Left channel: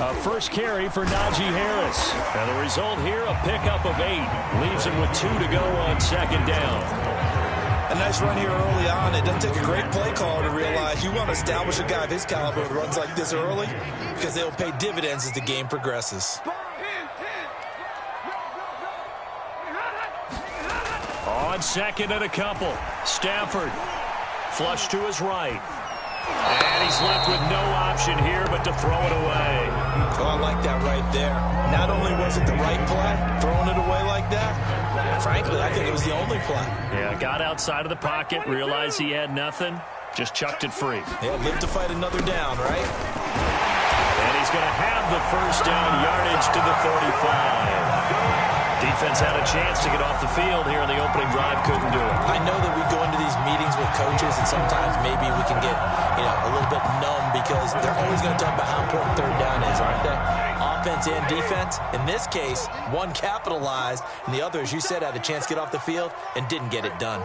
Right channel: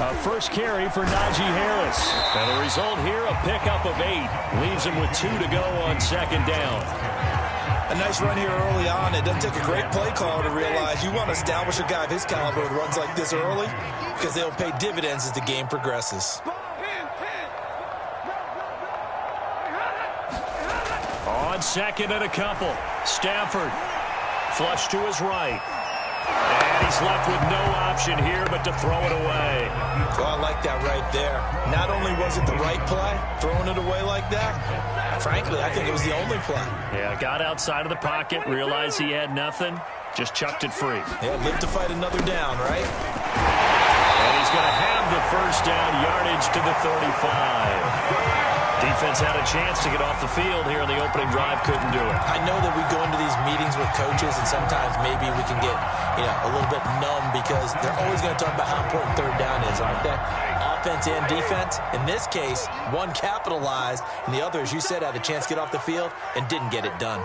A first carry for Najee Harris. And the result here, a pickup of 8. Leaves him with 2 to go on second down. A nice run here early on. It doesn't take a great play caller to realize you want to establish a guy of his caliber with runs like this early because they'll pay dividends as the game progresses. On second and a couple. Stafford. Flush to his right. And he's left with no option here but to throw it away. Oh, I like that right there. Not only was it the right play, throwing it away like that, frankly, I think it was the only play. Yeah, got outside of the pocket, realized he had nothing, just chucked it free. Yeah, live to fight another down, right? And he's going to have the first down, yardage to the 35. Defense had a chance to get off the field here in the opening drive, couldn't do it. I know that we go into these meetings with coaches, and sometimes maybe we can get, a little bit numb because they're always going to talk about how important third down is, aren't they? Offense and defense. In this case, one capitalized, and the other, as you said, had a chance to get off the field and didn't get it done.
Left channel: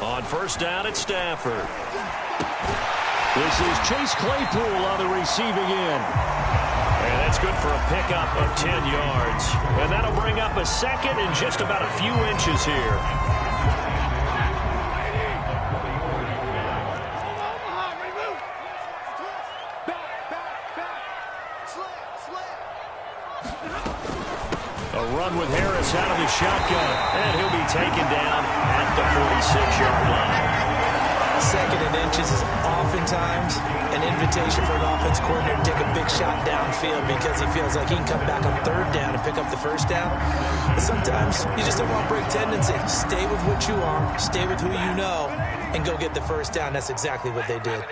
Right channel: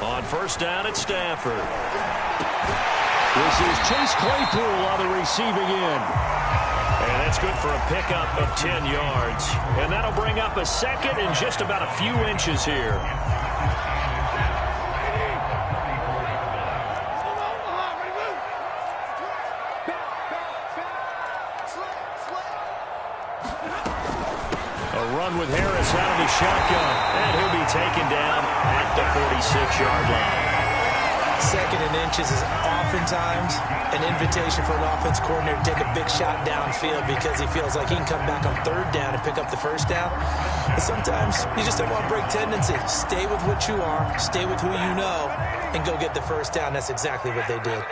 On first down at Stafford. This is Chase Claypool on the receiving end. And that's good for a pickup of 10 yards. And that'll bring up a second and just about a few inches here. A run with Harris out of the shotgun. And he'll be taken down at the 46-yard line. Second and inches is oftentimes an invitation for an offense coordinator to take a big shot downfield because he feels like he can come back on third down and pick up the first down. But sometimes you just don't want to break tendency. Stay with what you are, stay with who you know, and go get the first down. That's exactly what they did.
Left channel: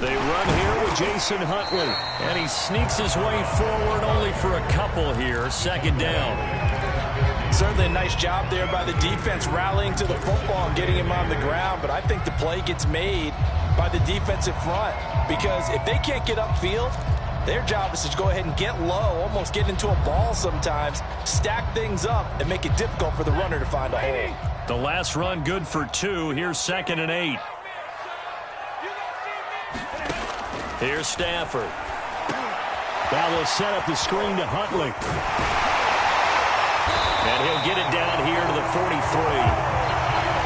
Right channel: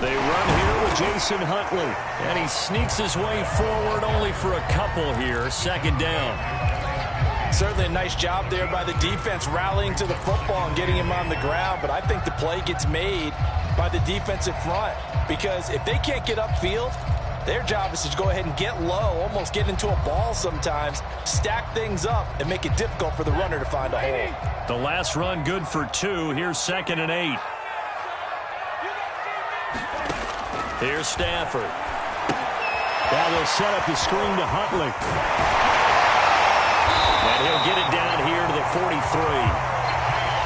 They run here with Jason Huntley, and he sneaks his way forward only for a couple here. Second down. Certainly a nice job there by the defense rallying to the football and getting him on the ground, but I think the play gets made by the defensive front because if they can't get upfield, their job is to go ahead and get low, almost get into a ball sometimes, stack things up, and make it difficult for the runner to find a hole. The last run good for 2. Here's second and 8. Here's Stafford. Now they'll set up the screen to Huntley. And he'll get it down here to the 43.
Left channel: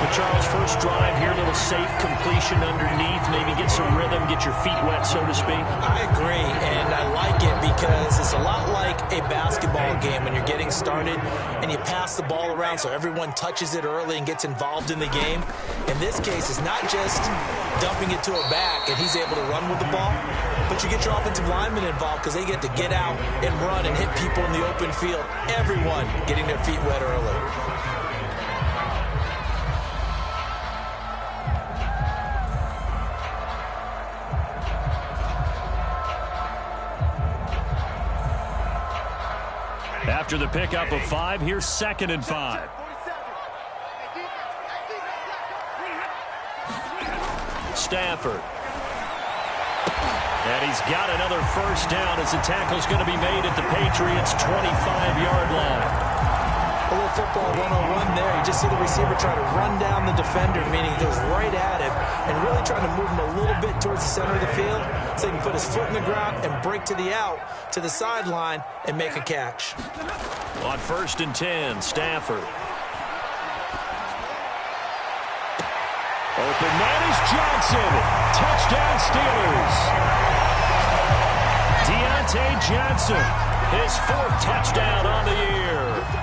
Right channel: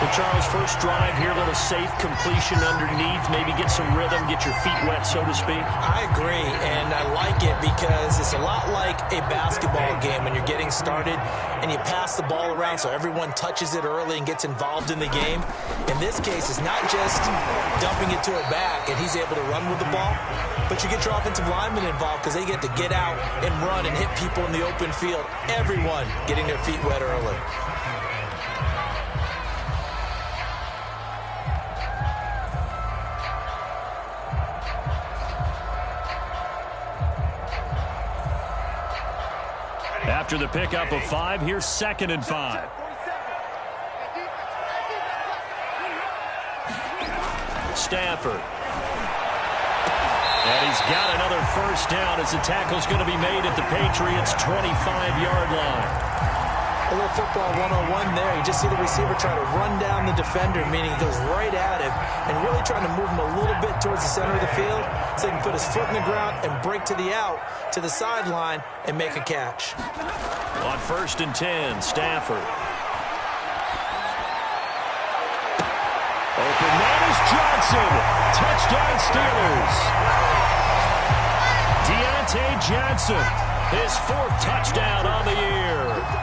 Well, Charles, first drive here, a little safe completion underneath. Maybe get some rhythm, get your feet wet, so to speak. I agree, and I like it because it's a lot like a basketball game when you're getting started and you pass the ball around so everyone touches it early and gets involved in the game. In this case, it's not just dumping it to a back and he's able to run with the ball, but you get your offensive linemen involved because they get to get out and run and hit people in the open field. Everyone getting their feet wet early. After the pickup of 5, here's second and 5. Stafford. And he's got another first down as the tackle's going to be made at the Patriots' 25-yard line. A little football 101 there. You just see the receiver try to run down the defender, meaning he goes right at him and really trying to move him a little bit towards the center of the field so he can put his foot in the ground and break to the out, to the sideline, and make a catch. On first and 10, Stafford. Open man is Johnson. Touchdown Steelers. Deontay Johnson, his 4th touchdown on the year.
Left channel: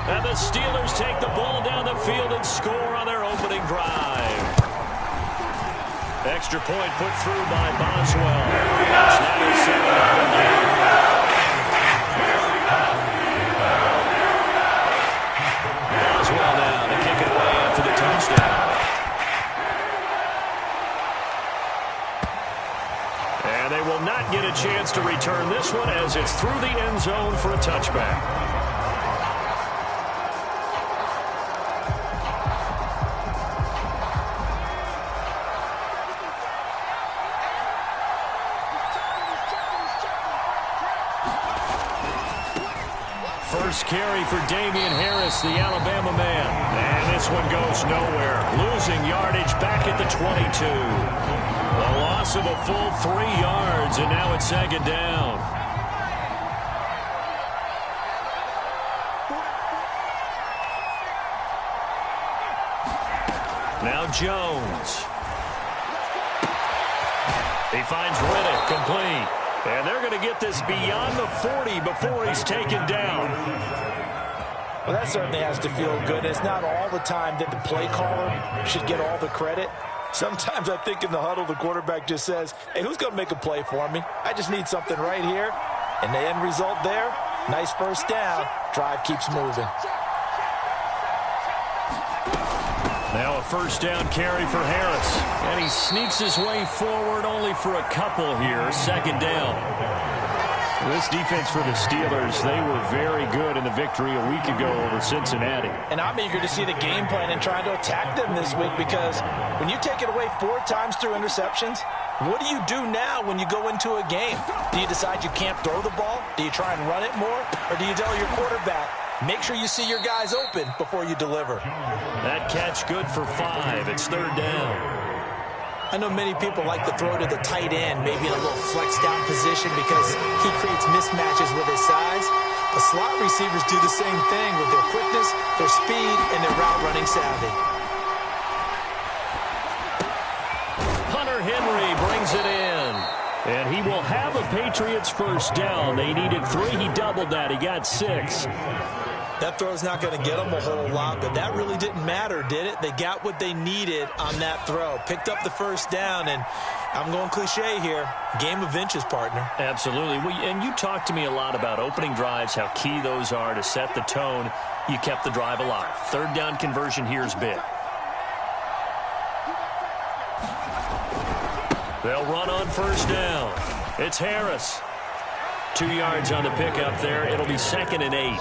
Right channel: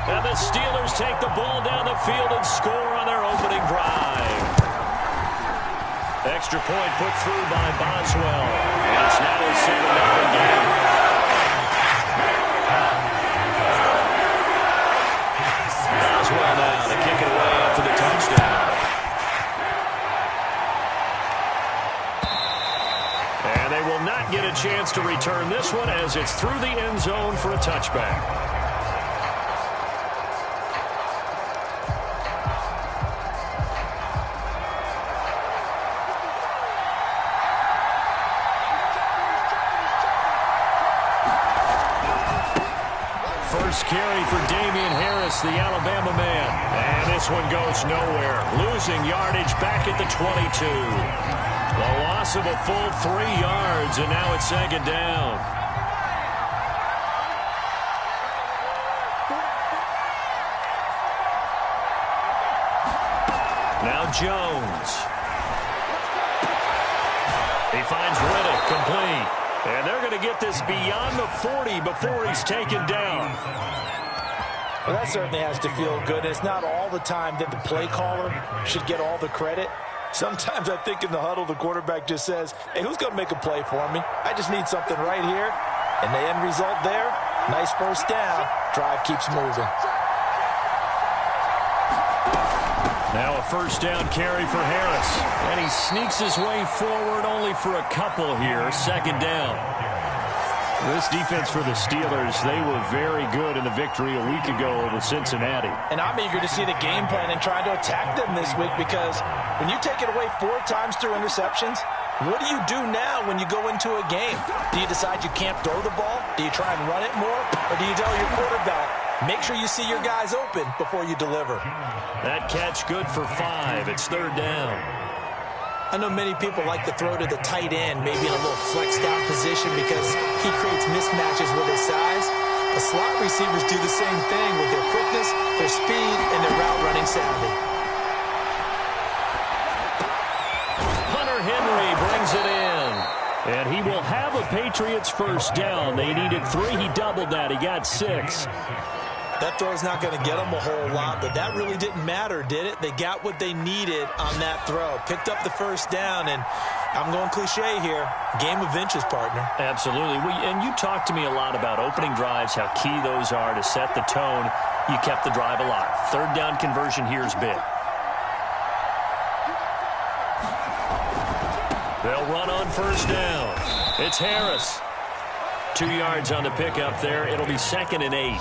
And the Steelers take the ball down the field and score on their opening drive. Extra point put through by Boswell. It's now a 7-0 game. Boswell now to kick it away after the touchdown. And they will not get a chance to return this one as it's through the end zone for a touchback. First carry for Damian Harris, the Alabama man. And this one goes nowhere. Losing yardage back at the 22. The loss of a full 3 yards, and now it's second down. Now Jones. He finds Riddick, complete. And they're going to get this beyond the 40 before he's taken down. Well, that certainly has to feel good. It's not all the time that the play caller should get all the credit. Sometimes I think in the huddle, the quarterback just says, hey, who's going to make a play for me? I just need something right here. And the end result there, nice first down. Drive keeps moving. Now a first down carry for Harris. And he sneaks his way forward only for a couple here. Second down. This defense for the Steelers, they were very good in the victory a week ago over Cincinnati. And I'm eager to see the game plan and trying to attack them this week, because when you take it away 4 times through interceptions, what do you do now when you go into a game? Do you decide you can't throw the ball? Do you try and run it more? Or do you tell your quarterback, make sure you see your guys open before you deliver? That catch good for 5. It's third down. I know many people like to throw to the tight end, maybe in a little flexed out position because he creates mismatches with his size. But slot receivers do the same thing with their quickness, their speed, and their route running savvy. Hunter Henry brings it in. And he will have a Patriots first down. They needed 3. He doubled that. He got 6. That throw's not going to get them a whole lot, but that really didn't matter, did it? They got what they needed on that throw. Picked up the first down, and I'm going cliche here. Game of inches, partner. Absolutely. And you talked to me a lot about opening drives, how key those are to set the tone. You kept the drive alive. Third down conversion here is big. They'll run on first down. It's Harris. 2 yards on the pickup there. It'll be 2nd and 8.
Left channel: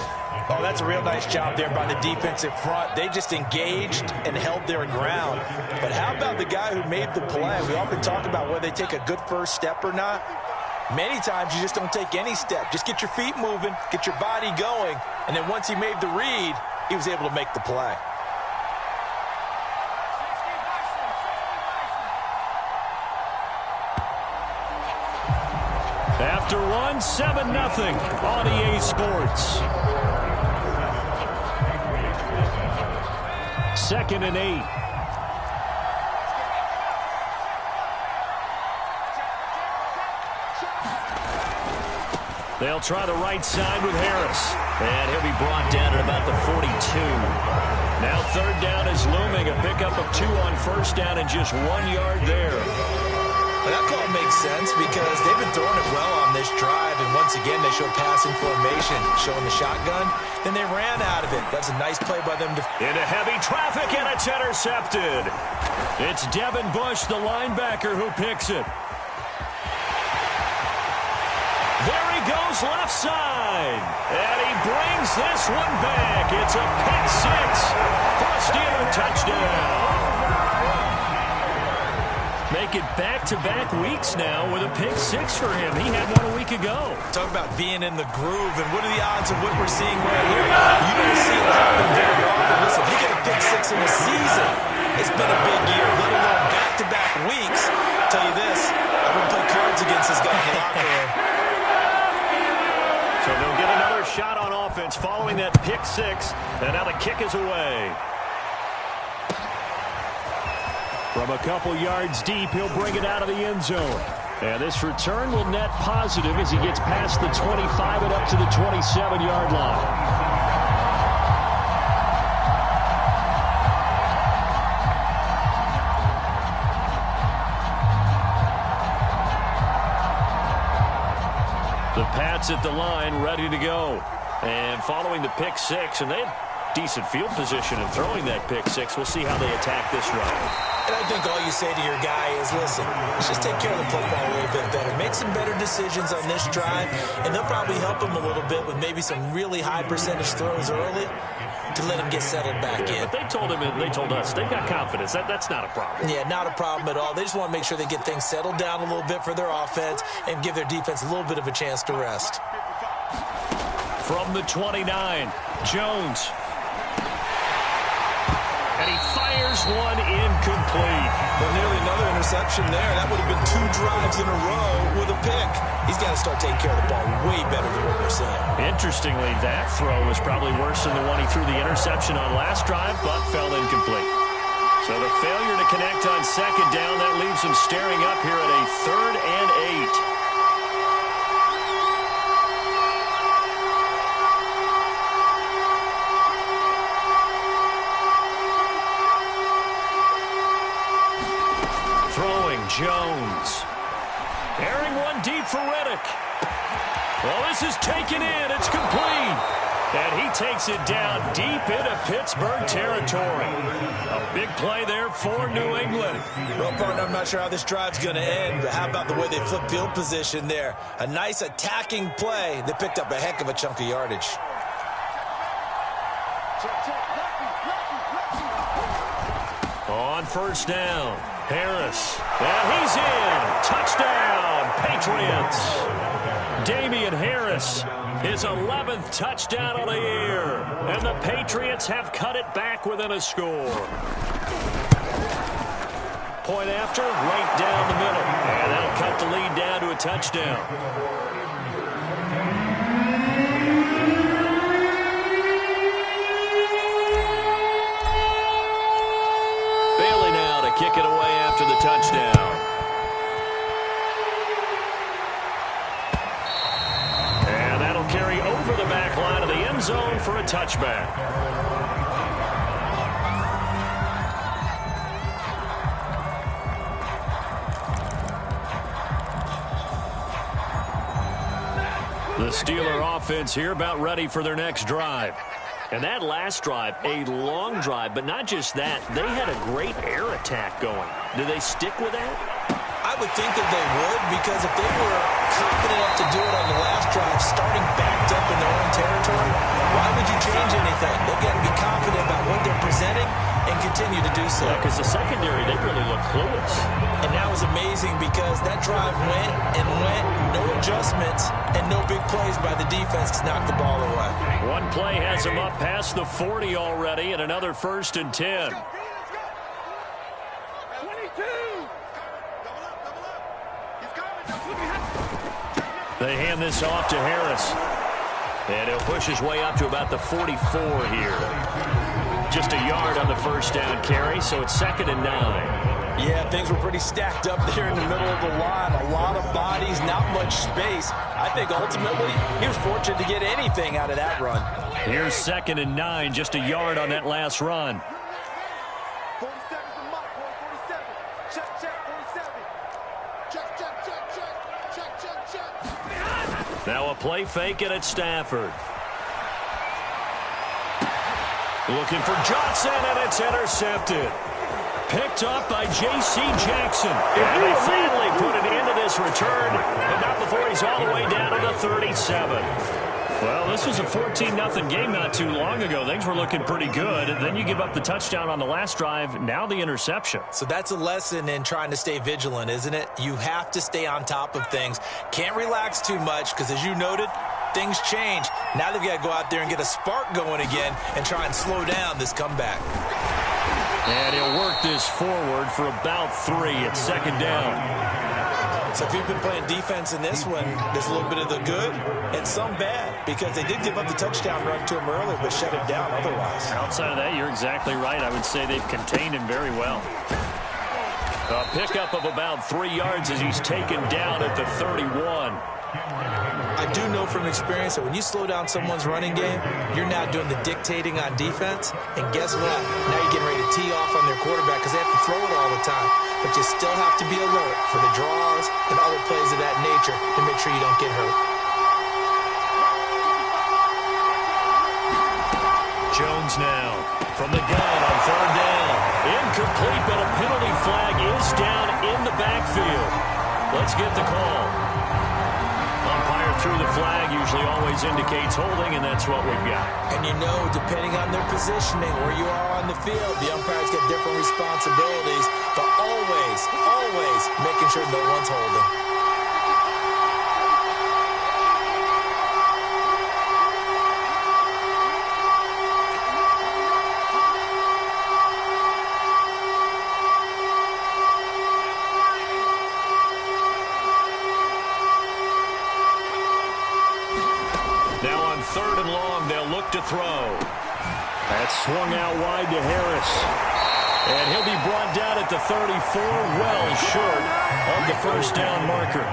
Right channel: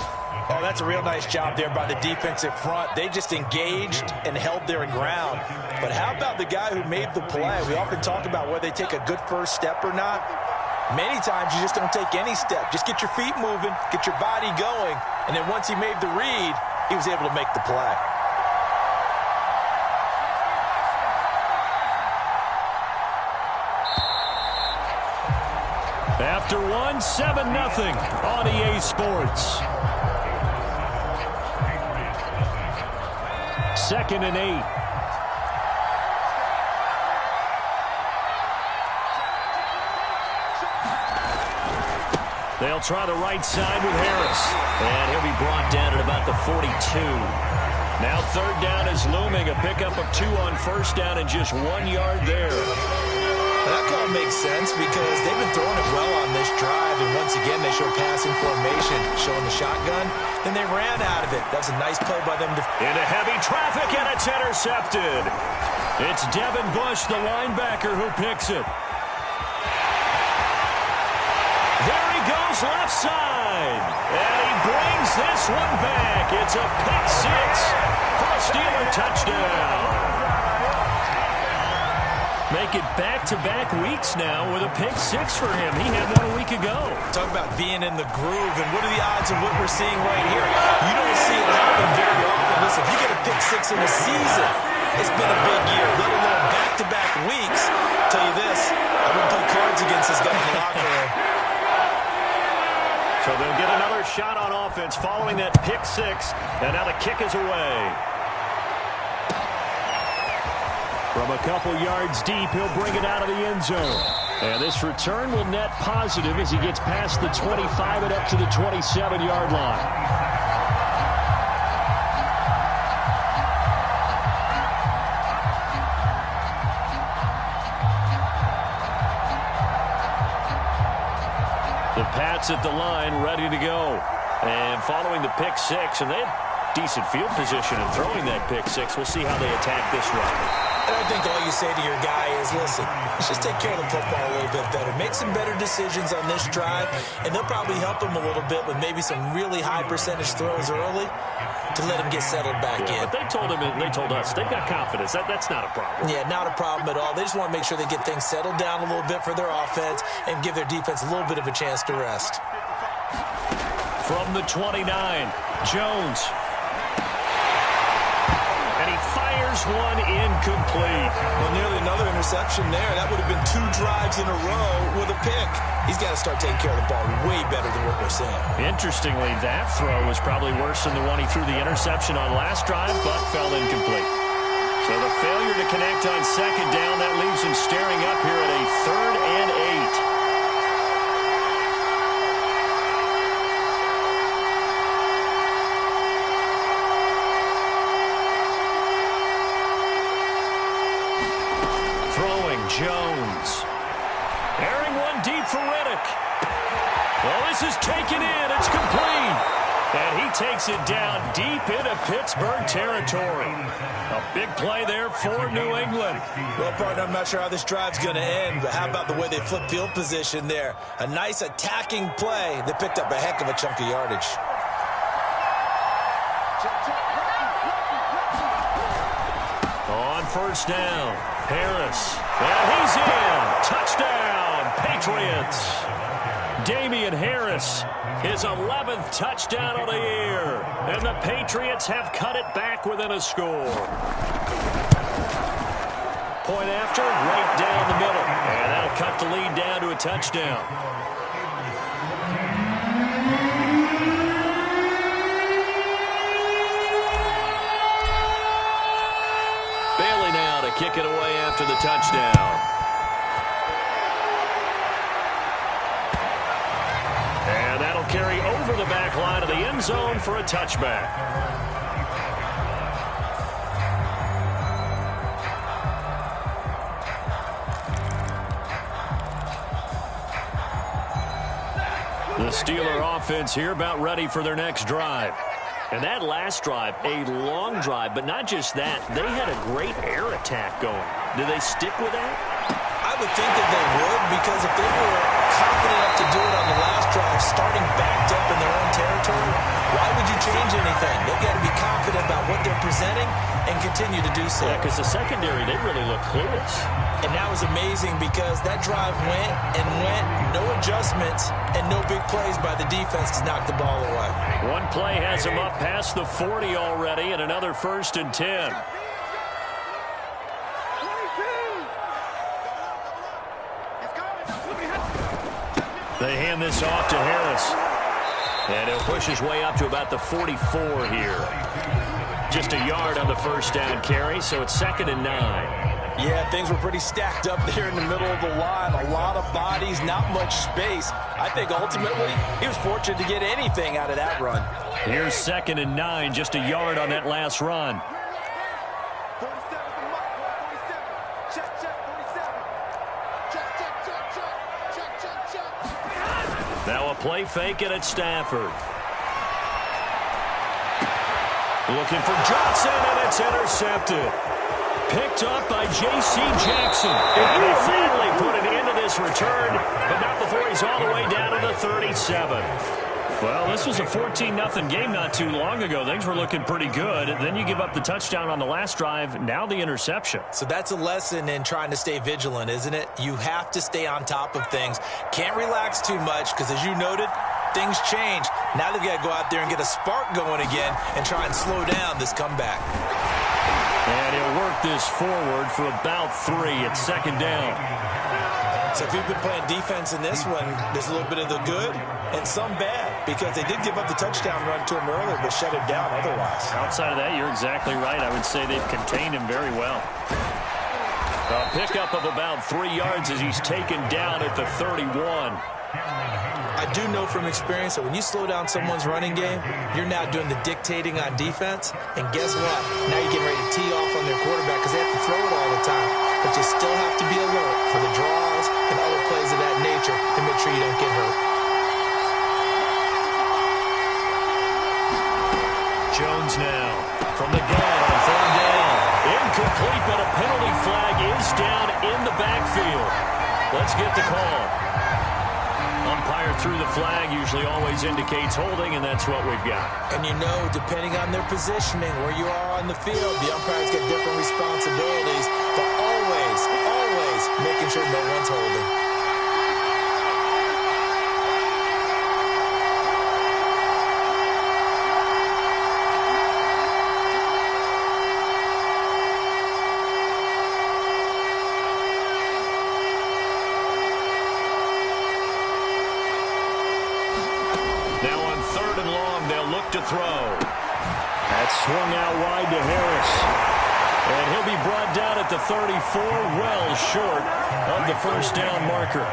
Oh, that's a real nice job there by the defensive front. They just engaged and held their ground. But how about the guy who made the play? We often talk about whether they take a good first step or not. Many times you just don't take any step. Just get your feet moving, get your body going, and then once he made the read, he was able to make the play. After 7-0 on EA Sports. 2nd and 8. They'll try the right side with Harris. And he'll be brought down at about the 42. Now third down is looming. A pickup of 2 on first down and just 1 yard there. Well, that call makes sense because they've been throwing it well on this drive, and once again they show passing formation, showing the shotgun. Then they ran out of it. That's a nice play by them. Into heavy traffic, and it's intercepted. It's Devin Bush, the linebacker, who picks it. There he goes left side, and he brings this one back. It's a pick 6 for a Steeler touchdown. Make it back-to-back weeks now with a pick 6 for him. He had one a week ago. Talk about being in the groove, and what are the odds of what we're seeing right here? You don't see it happen very often. Listen, if you get a pick 6 in a season, it's been a big year, let alone back-to-back weeks. I'll tell you this, I wouldn't play cards against this guy in the locker room. So they'll get another shot on offense following that pick 6, and now the kick is away. From a couple yards deep, he'll bring it out of the end zone. And this return will net positive as he gets past the 25 and up to the 27-yard line. The Pats at the line, ready to go. And following the pick 6, and they had decent field position in throwing that pick 6. We'll see how they attack this run. And I think all you say to your guy is, listen, let's just take care of the football a little bit better. Make some better decisions on this drive, and they'll probably help him a little bit with maybe some really high percentage throws early to let him get settled back in. But they told him, and they told us, they've got confidence. That's not a problem. Yeah, not a problem at all. They just want to make sure they get things settled down a little bit for their offense and give their defense a little bit of a chance to rest. from the 29. Jones. And he fires one incomplete. Well, nearly another interception there. That would have been 2 drives in a row with a pick. He's got to start taking care of the ball way better than what we're seeing. Interestingly, that throw was probably worse than the one he threw the interception on last drive, but fell incomplete. So the failure to connect on second down, that leaves him staring up here at a 3rd and 8. Throwing, Jones. Airing one deep for Reddick. Well, this is taken in. It's complete. And he takes it down deep into Pittsburgh territory. A big play there for New England. Well, partner, I'm not sure how this drive's going to end, but how about the way they flip field position there? A nice attacking play that picked up a heck of a chunk of yardage. On first down, Harris. And he's in. Touchdown, Patriots. Damian Harris, his 11th touchdown of the year. And the Patriots have cut it back within a score. Point after, right down the middle. And that'll cut the lead down to a touchdown. Bailey now to kick it away after the touchdown. And that'll carry over the back line of the end zone for a touchback. The Steeler offense here about ready for their next drive. And that last drive, a long drive, but not just that. They had a great air attack going. Do they stick with that? I would think that they would, because if they were confident enough to do it on the last drive, starting backed up in their own territory, why would you change anything? They've got to be confident about what they're presenting and continue to do so. Yeah, because the secondary, they really look clueless. And that was amazing because that drive went and went, no adjustments, and no big plays by the defense to knock the ball away. One play has them up past the 40 already, and another 1st and 10. They hand this off to Harris. And he'll push his way up to about the 44 here. Just a yard on the first down carry, so it's 2nd and 9. Yeah, things were pretty stacked up there in the middle of the line. A lot of bodies, not much space. I think ultimately he was fortunate to get anything out of that run. Here's 2nd and 9, just a yard on that last run. 47's the mark, boy, 47. Check, 47. Check. Now a play fake it at Stafford. Looking for Johnson, and it's intercepted. Picked up by J.C. Jackson. And they finally put an end to this return, but not before he's all the way down to the 37. Well, this was a 14-0 game not too long ago. Things were looking pretty good. Then you give up the touchdown on the last drive, now the interception. So that's a lesson in trying to stay vigilant, isn't it? You have to stay on top of things. Can't relax too much because, as you noted, things change. Now they've got to go out there and get a spark going again and try and slow down this comeback. And he'll work this forward for about 3 at 2nd down. So if you've been playing defense in this one, there's a little bit of the good and some bad, because they did give up the touchdown run to him earlier but shut him down otherwise. Outside of that, you're exactly right. I would say they've contained him very well. A pickup of about 3 yards as he's taken down at the 31. I do know from experience that when you slow down someone's running game, you're now doing the dictating on defense. And guess what? Now you're getting ready to tee off on their quarterback because they have to throw it all the time. But you still have to be alert for the draws and other plays of that nature to make sure you don't get hurt. Jones now from the gun on 3rd down. Incomplete, but a penalty flag is down in the backfield. Let's get the call. Umpire threw the flag, usually always indicates holding, and that's what we've got. And you know, depending on their positioning, where you are on the field, the umpires get different responsibilities, but always making sure no one's holding. look to throw. That's swung out wide to Harris. And he'll be brought down at the 34, well short of the first down marker.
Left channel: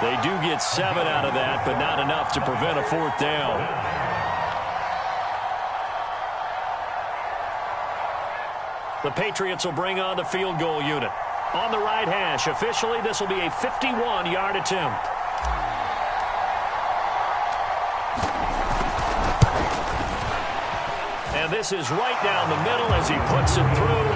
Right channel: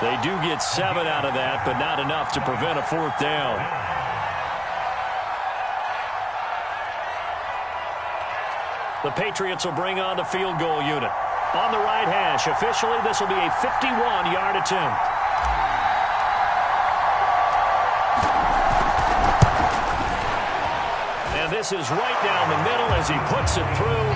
They do get 7 out of that, but not enough to prevent a 4th down. The Patriots will bring on the field goal unit. On the right hash, officially, this will be a 51-yard attempt. And this is right down the middle as he puts it through.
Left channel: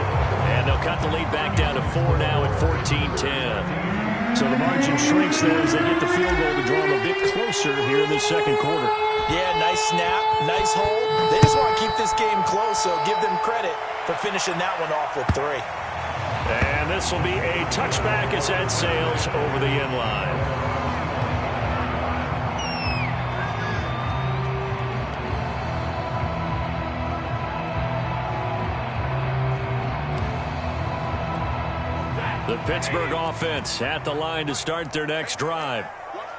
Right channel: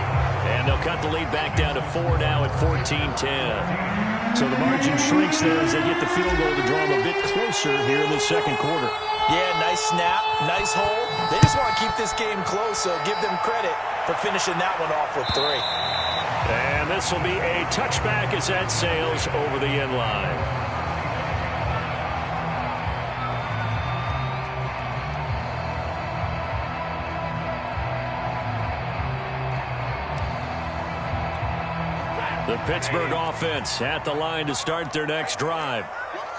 And they'll cut the lead back down to 4 now at 14-10. So the margin shrinks there as they get the field goal to draw them a bit closer here in the second quarter. Yeah, nice snap, nice hold. They just want to keep this game close, so give them credit for finishing that one off with 3. And this will be a touchback as that sails over the end line. The Pittsburgh offense at the line to start their next drive.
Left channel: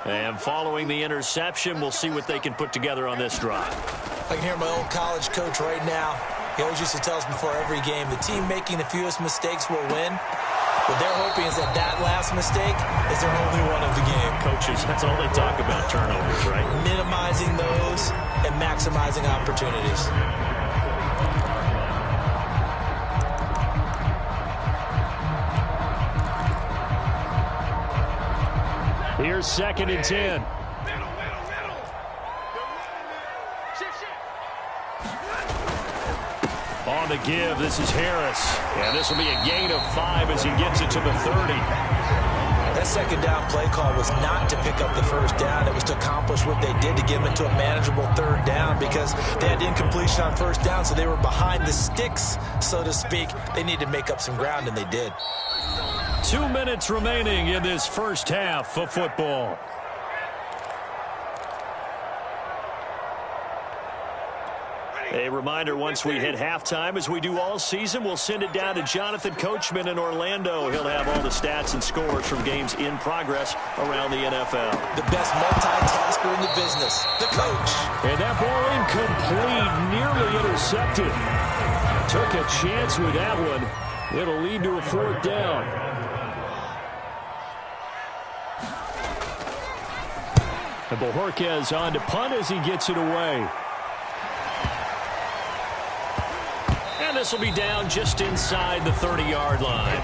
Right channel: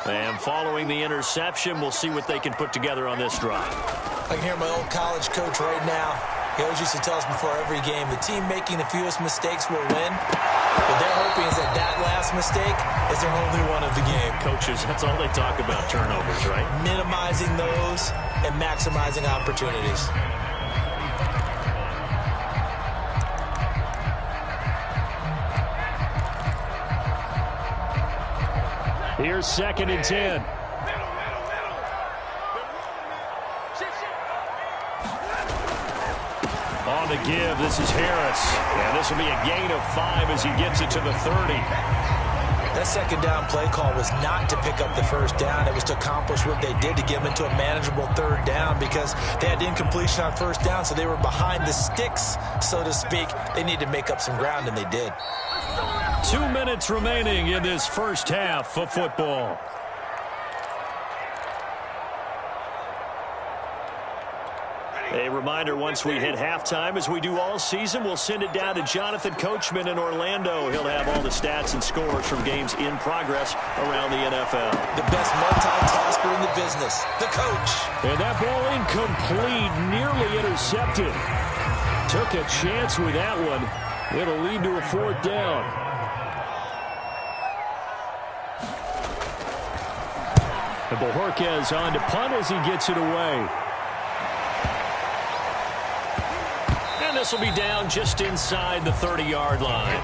And following the interception, we'll see what they can put together on this drive. I can hear my old college coach right now. He always used to tell us before every game, the team making the fewest mistakes will win. What they're hoping is that that last mistake is their only one of the game. Coaches, that's all they talk about, turnovers, right? Minimizing those and maximizing opportunities. Here's 2nd and 10. On the give, this is Harris. And this will be a gain of 5 as he gets it to the 30. That second down play call was not to pick up the first down. It was to accomplish what they did to get them into a manageable 3rd down because they had incompletion on first down, so they were behind the sticks, so to speak. They needed to make up some ground, and they did. 2 minutes remaining in this first half of football. A reminder, once we hit halftime, as we do all season, we'll send it down to Jonathan Coachman in Orlando. He'll have all the stats and scores from games in progress around the NFL. The best multitasker in the business, the coach. And that ball incomplete, nearly intercepted. Took a chance with that one. It'll lead to a 4th down. And Bojorquez on to punt as he gets it away. And this will be down just inside the 30-yard line.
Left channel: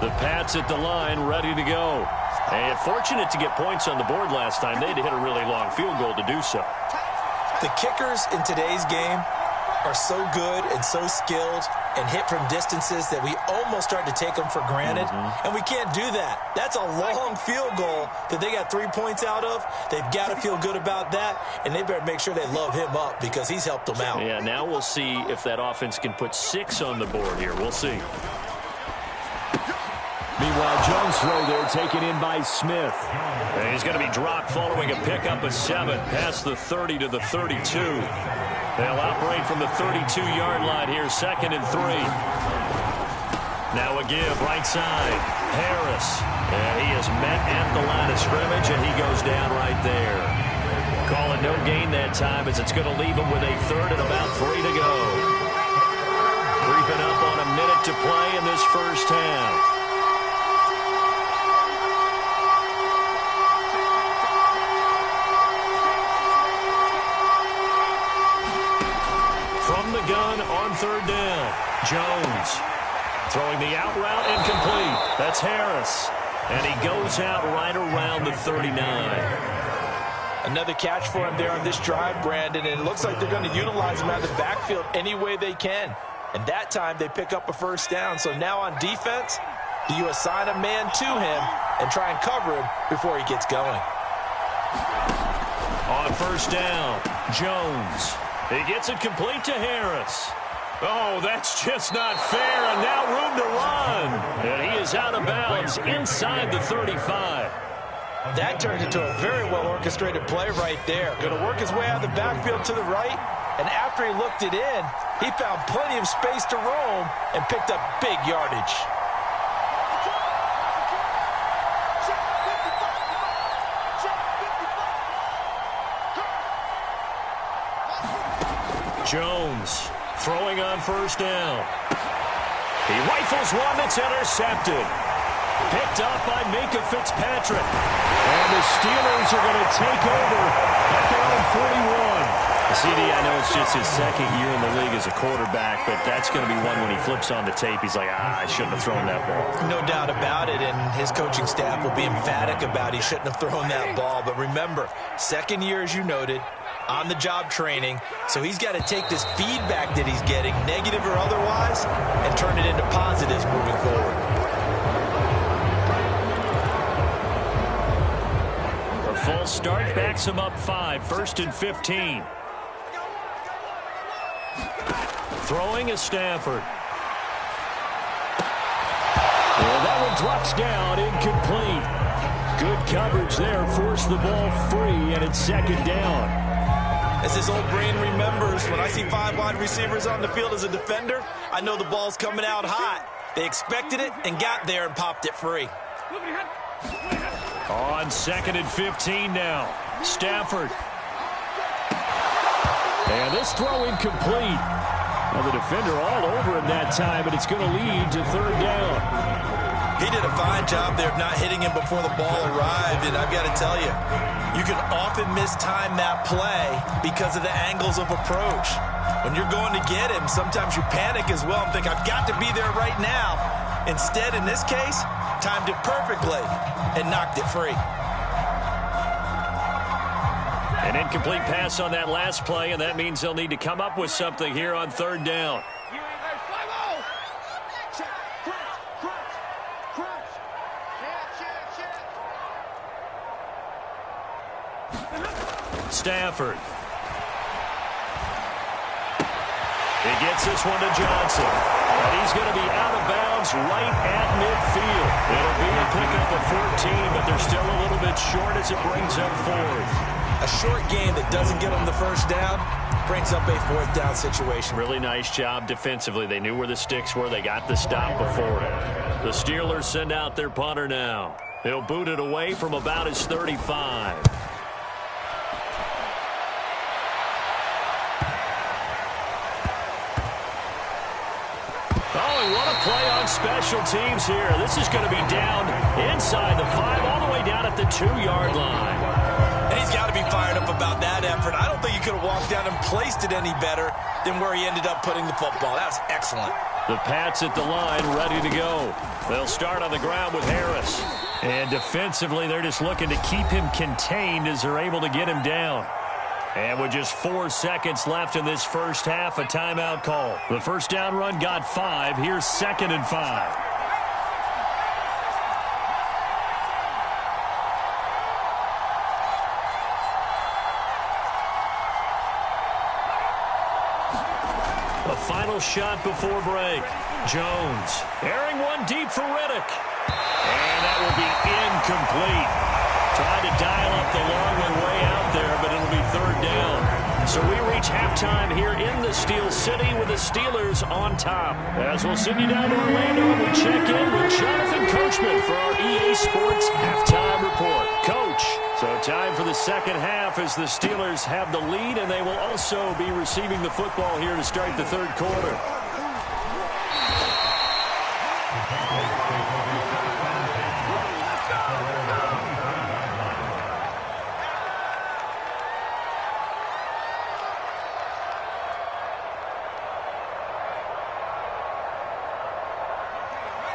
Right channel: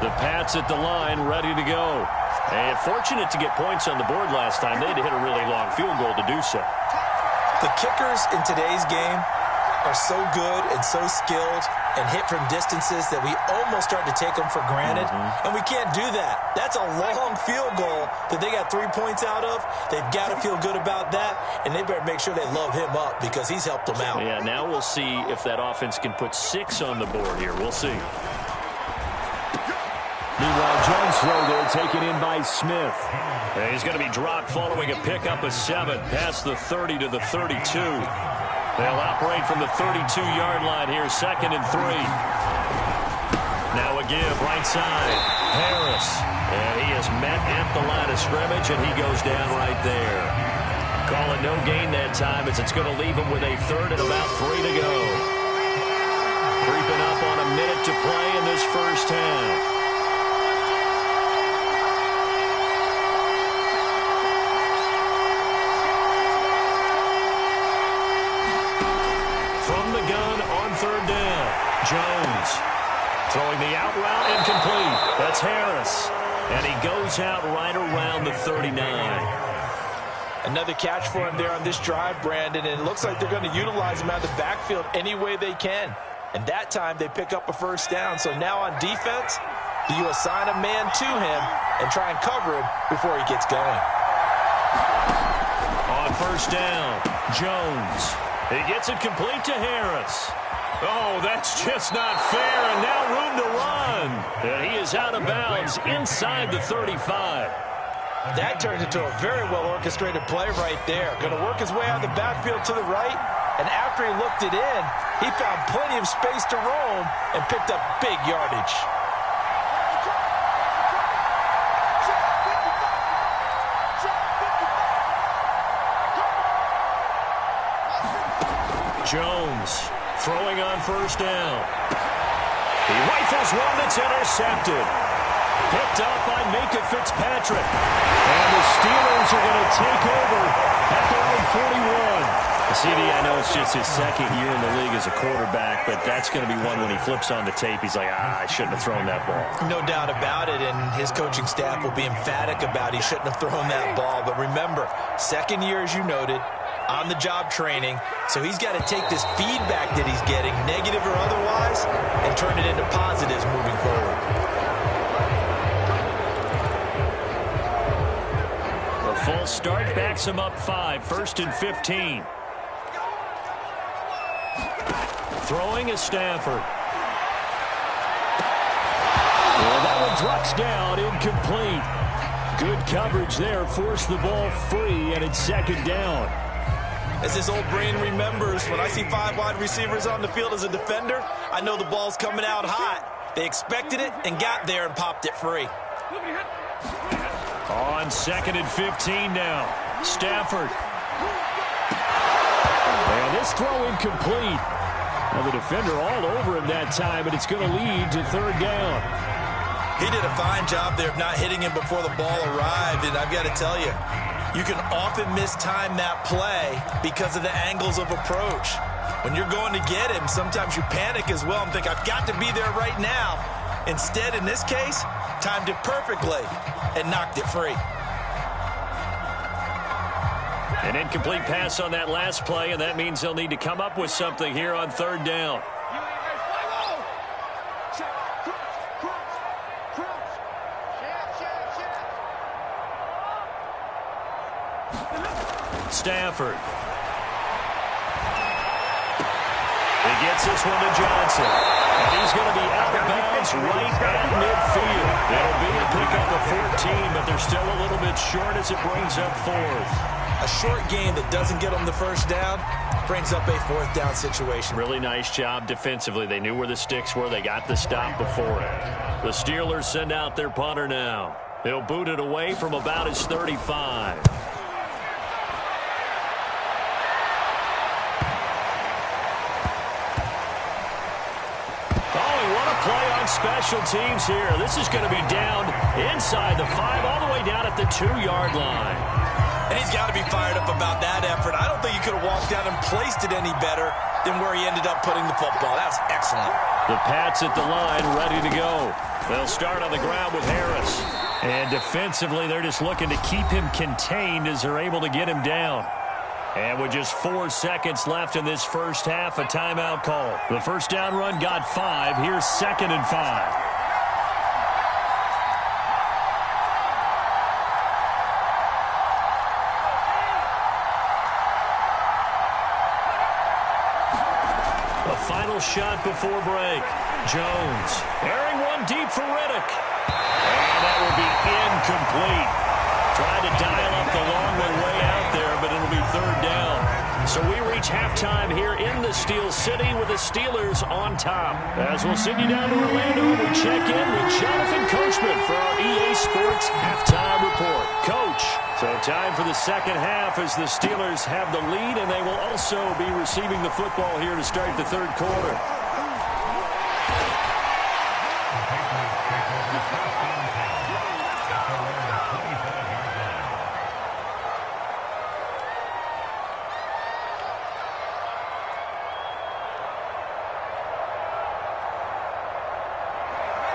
The Pats at the line, ready to go. And fortunate to get points on the board last time. They had to hit a really long field goal to do so. The kickers in today's game are so good and so skilled and hit from distances that we almost start to take them for granted. And we can't do that. That's a long field goal that they got 3 points out of. They've got to feel good about that, and they better make sure they love him up because he's helped them out. Yeah, now we'll see if that offense can put 6 on the board here. We'll see. Meanwhile, Jones' throw there taken in by Smith. And he's going to be dropped following a pickup of 7 past the 30 to the 32. They'll operate from the 32-yard line here, 2nd and 3. Now a give, right side. Harris. And he is met at the line of scrimmage, and he goes down right there. Call it no gain that time as it's going to leave him with a 3rd and about 3 to go. Creeping up on a minute to play in this first half. From the gun on 3rd down, Jones throwing the out route incomplete. That's Harris. And he goes out right around the 39. Another catch for him there on this drive, Brandon, and it looks like they're going to utilize him out of the backfield any way they can. And that time they pick up a first down. So now on defense, do you assign a man to him and try and cover him before he gets going? On first down, Jones. He gets it complete to Harris. Oh, that's just not fair, and now room to run. And he is out of bounds inside the 35. That turns into a very well-orchestrated play right there. Going to work his way out of the backfield to the right, And after he looked it in, he found plenty of space to roam and picked up big yardage. Jones throwing on first down. He rifles one that's intercepted. Picked up by Minka Fitzpatrick. And the Steelers are going to take over at their own 41. CD, I know it's just his second year in the league as a quarterback, but that's going to be one when he flips on the tape, he's like, I shouldn't have thrown that ball. No doubt about it, and his coaching staff will be emphatic about he shouldn't have thrown that ball. But remember, second year, as you noted, on-the-job training, so he's got to take this feedback that he's getting, negative or otherwise, and turn it into positives moving forward. A full start backs him up 5, 1st and 15. Throwing is Stafford. Well, that one drops down, incomplete. Good coverage there, forced the ball free, and it's second down. As his old brain remembers, when I see 5 wide receivers on the field as a defender, I know the ball's coming out hot. They expected it and got there and popped it free. On 2nd and 15 now. Stafford. And this throw incomplete. Now the defender all over him that time, but it's going to lead to 3rd down. He did a fine job there of not hitting him before the ball arrived, and I've got to tell you, you can often mistime that play because of the angles of approach. When you're going to get him, sometimes you panic as well and think, I've got to be there right now. Instead, in this case, timed it perfectly and knocked it free. An incomplete pass on that last play, and that means they'll need to come up with something here on 3rd down. Stafford. He gets this one to Johnson. And he's going to be out of bounds right at midfield. It'll be a pickup of 14, but they're still a little bit short as it brings up 4th. A short game that doesn't get them the first down brings up a 4th down situation. Really nice job defensively. They knew where the sticks were. They got the stop before it. The Steelers send out their punter now. He'll boot it away from about his 35. Oh, and what a play on special teams here. This is going to be down inside the 5, all the way down at the 2-yard line. And he's got to be fired up about that effort. I don't think he could have walked down and placed it any better than where he ended up putting the football. That was excellent. The Pats at the line, ready to go. They'll start on the ground with Harris. And defensively, they're just looking to keep him contained as they're able to get him down. And with just 4 seconds left in this first half, a timeout call. The first down run got 5. Here's 2nd and 5. A final shot before break. Jones airing one deep for Riddick. And that will be incomplete. Tried to dial up the long one way out there, but it'll be 3rd down. So we reach halftime here in the Steel City with the Steelers on top. As we'll send you down to Orlando, we check in with Jonathan Coachman for our EA Sports Halftime Report. Coach, so time for the second half as the Steelers have the lead, and they will also be receiving the football here to start the 3rd quarter.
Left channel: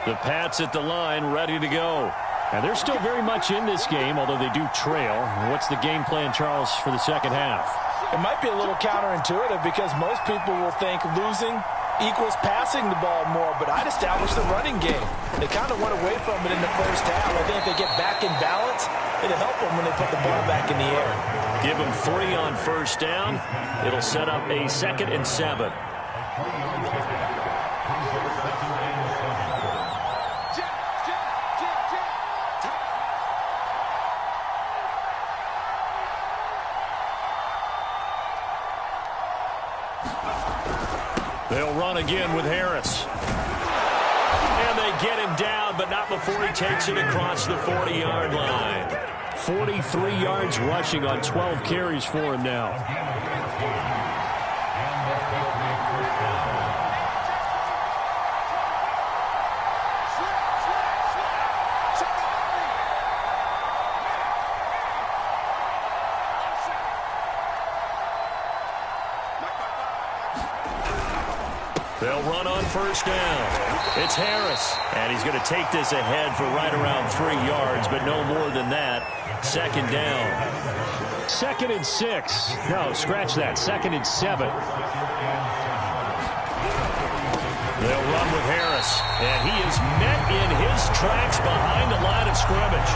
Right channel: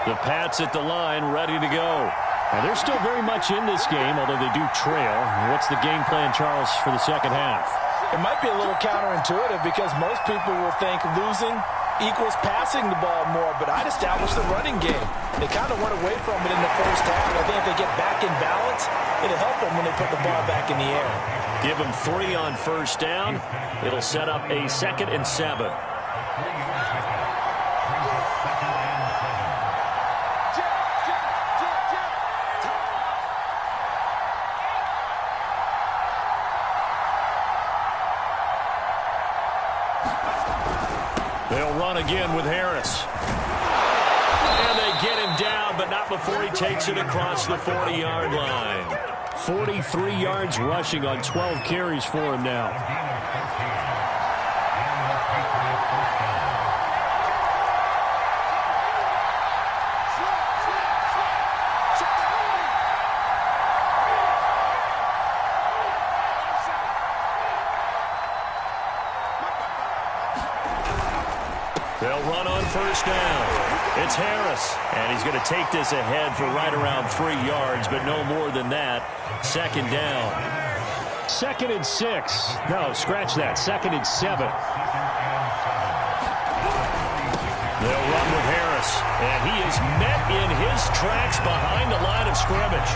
The Pats at the line, ready to go. And they're still very much in this game, although they do trail. What's the game plan, Charles, for the second half? It might be a little counterintuitive because most people will think losing equals passing the ball more, but I'd establish the running game. They kind of went away from it in the first half. I think if they get back in balance, it'll help them when they put the ball back in the air. Give them 3 on first down. It'll set up a 2nd and 7. run again with Harris. And they get him down, but not before he takes it across the 40-yard line. 43 yards rushing on 12 carries for him now. They'll run on first down. It's Harris, and he's going to take this ahead for right around 3 yards, but no more than that. Second down. 2nd and 6. No, scratch that. 2nd and 7. They'll run with Harris, and he is met in his tracks behind the line of scrimmage.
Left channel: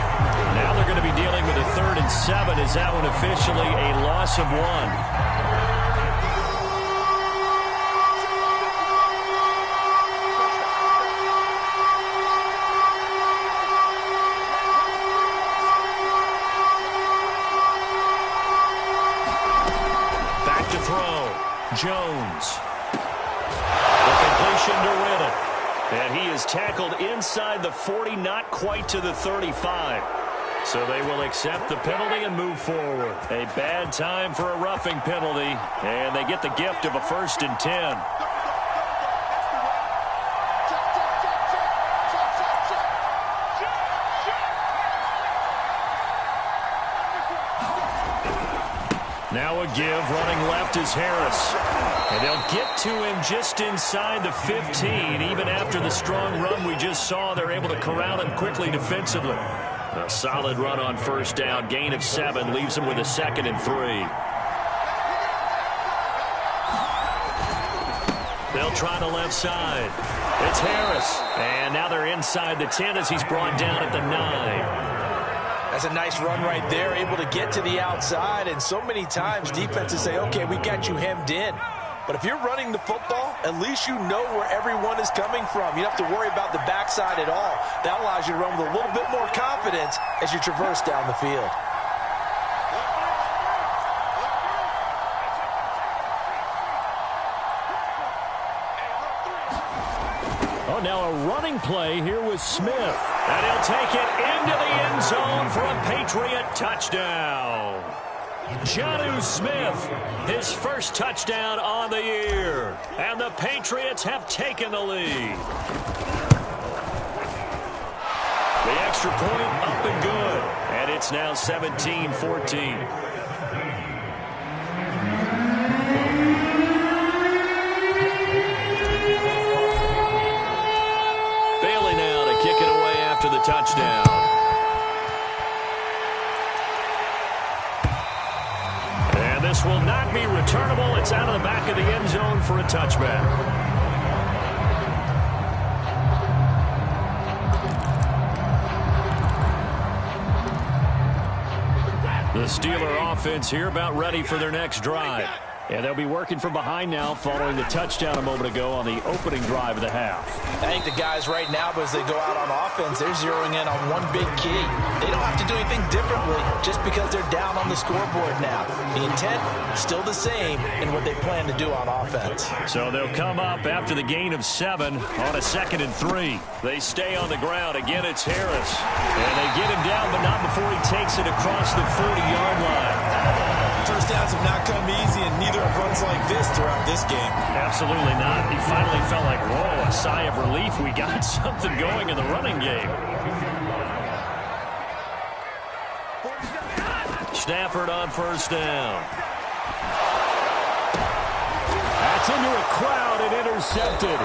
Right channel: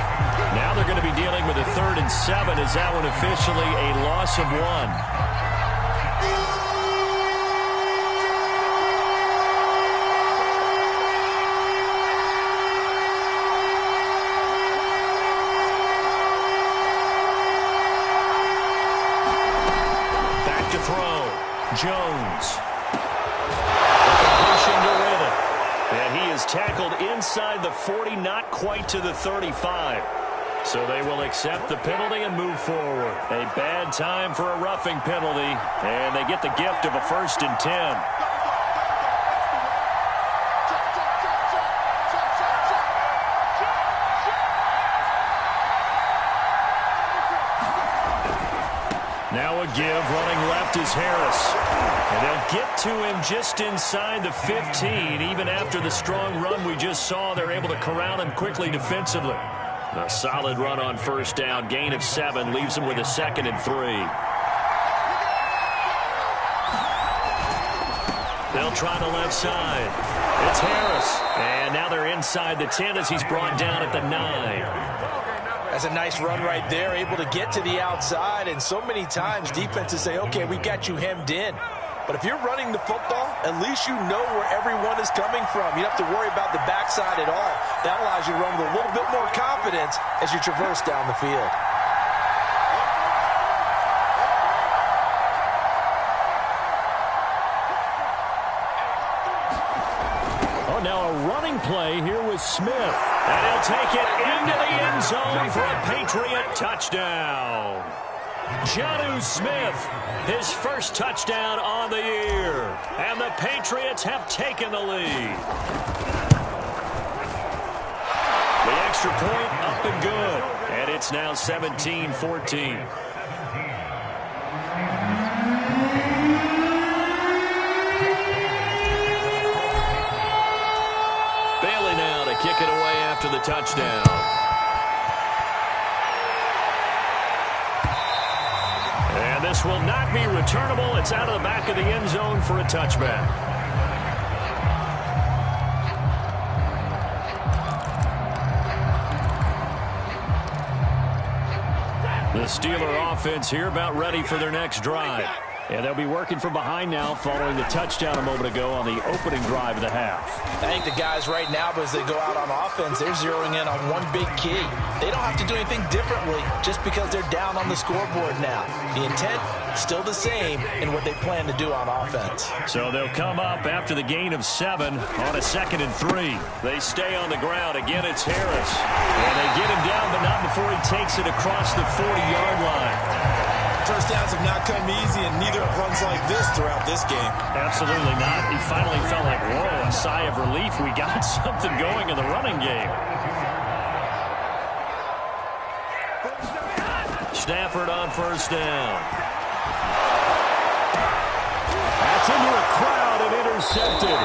Now they're going to be dealing with a 3rd and 7. Is that one officially a loss of 1? Jones. The completion to Riddick. And he is tackled inside the 40, not quite to the 35. So they will accept the penalty and move forward. A bad time for a roughing penalty. And they get the gift of a 1st and 10. Now a give, running left is Harris. And they'll get to him just inside the 15. Even after the strong run we just saw, they're able to corral him quickly defensively. A solid run on first down. Gain of 7 leaves him with a 2nd and 3. They'll try the left side. It's Harris. And now they're inside the 10 as he's brought down at the 9. That's a nice run right there, able to get to the outside. And so many times defenses say, okay, we got you hemmed in. But if you're running the football, at least you know where everyone is coming from. You don't have to worry about the backside at all. That allows you to run with a little bit more confidence as you traverse down the field. Oh, now a running play here with Smith. And he'll take it into the end zone for a Patriot touchdown. Jonnu Smith, his first touchdown on the year. And the Patriots have taken the lead. The extra point up and good. And it's now 17-14. Bailey now to kick it away after the touchdown. And this will not be returnable. It's out of the back of the end zone for a touchback. The Steeler offense here about ready for their next drive. And they'll be working from behind now following the touchdown a moment ago on the opening drive of the half. I think the guys right now, as they go out on offense, they're zeroing in on one big key. They don't have to do anything differently just because they're down on the scoreboard now. The intent still the same in what they plan to do on offense. So they'll come up after the gain of 7 on a 2nd and 3. They stay on the ground. Again, it's Harris. And they get him down, but not before he takes it across the 40-yard line. First downs have not come easy, and neither have runs like this throughout this game. Absolutely not. He finally felt like, whoa, a sigh of relief. We got something going in the running game. Stafford on first down. That's into a crowd and intercepted.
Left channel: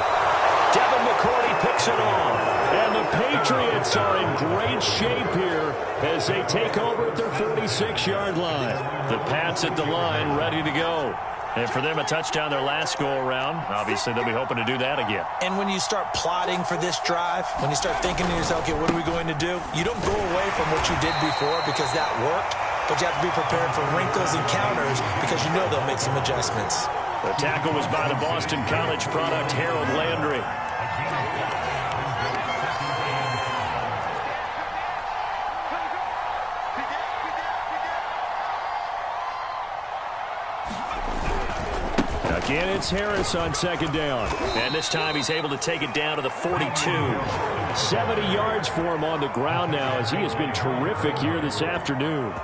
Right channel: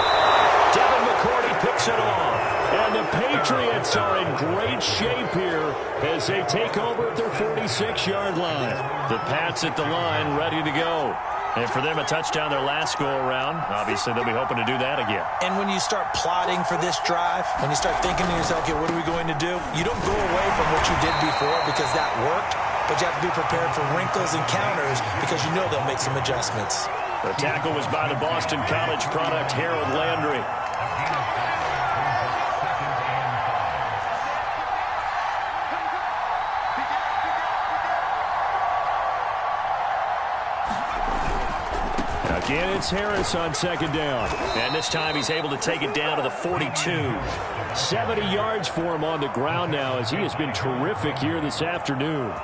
Devin McCourty picks it off. And the Patriots are in great shape here as they take over at their 46-yard line. The Pats at the line ready to go. And for them, a touchdown their last go-around. Obviously, they'll be hoping to do that again. And when you start plotting for this drive, when you start thinking to yourself, okay, what are we going to do? You don't go away from what you did before because that worked, but you have to be prepared for wrinkles and counters because you know they'll make some adjustments. The tackle was by the Boston College product, Harold Landry. And it's Harris on second down. And this time he's able to take it down to the 42. 70 yards for him on the ground now as he has been terrific here this afternoon.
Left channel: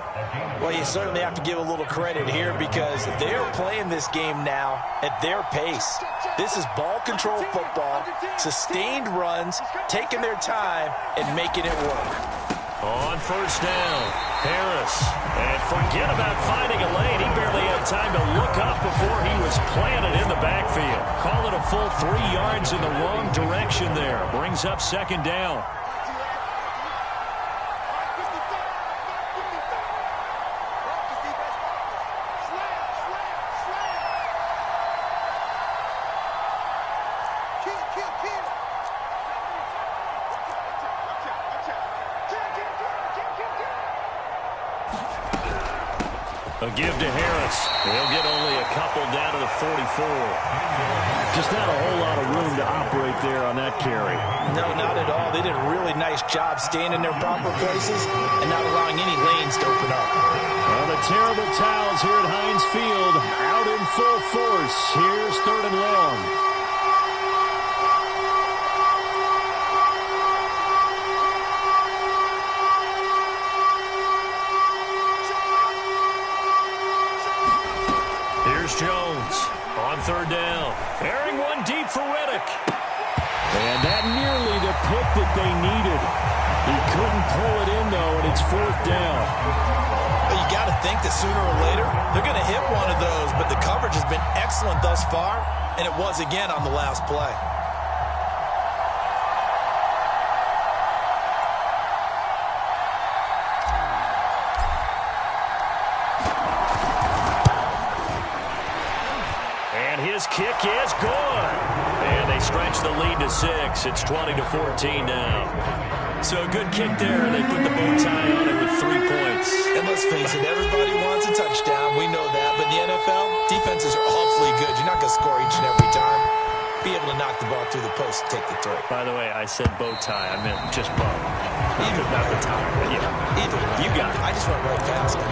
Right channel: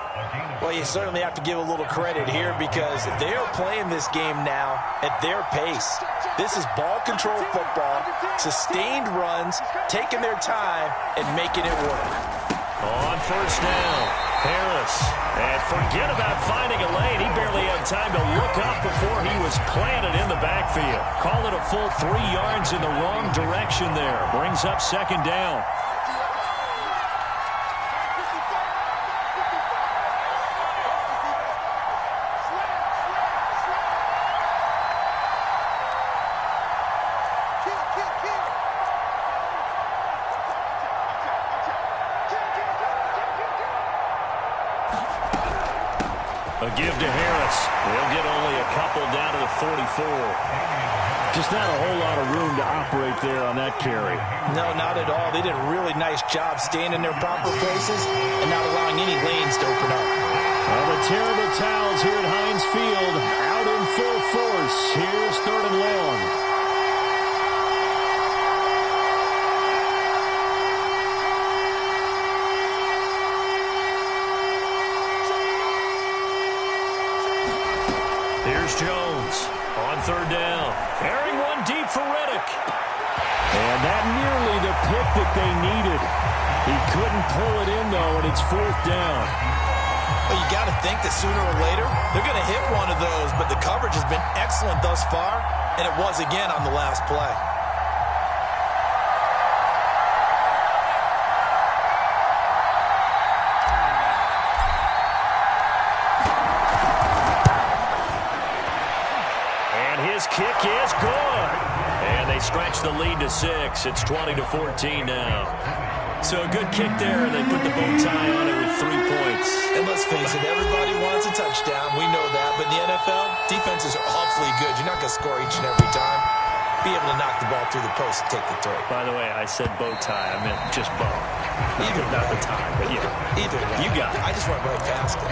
Well, you certainly have to give a little credit here because they're playing this game now at their pace. This is ball control football, sustained runs, taking their time, and making it work. On first down, Harris. And forget about finding a lane. He barely had time to look up before he was planted in the backfield. Call it a full 3 yards in the wrong direction there. Brings up second down. A give to Harris. He'll get only a couple down to the 44. Just not a whole lot of room to operate there on that carry. No, not at all. They did a really nice job staying in their proper places and not allowing any lanes to open up. Well, the terrible towels here at Heinz Field out in full force. Here's third and long. Here's Jones on third down. Airing one deep for Reddick. And that nearly the pick that they needed. He couldn't pull it in, though, and it's fourth down. But you got to think that sooner or later, they're going to hit one of those. But the coverage has been excellent thus far, and it was again on the last play. His kick is good. And they stretch the lead to 6. It's 20-14 now. So a good kick there, and they put the bow tie on it with 3 points. And let's face it, everybody wants a touchdown. We know that. But in the NFL, defenses are awfully good. You're not going to score each and every time. Be able to knock the ball through the post and take the 3. By the way, I said bow tie. I meant just bow. Not the tie, but yeah. Either way. You got it. I just went right past it.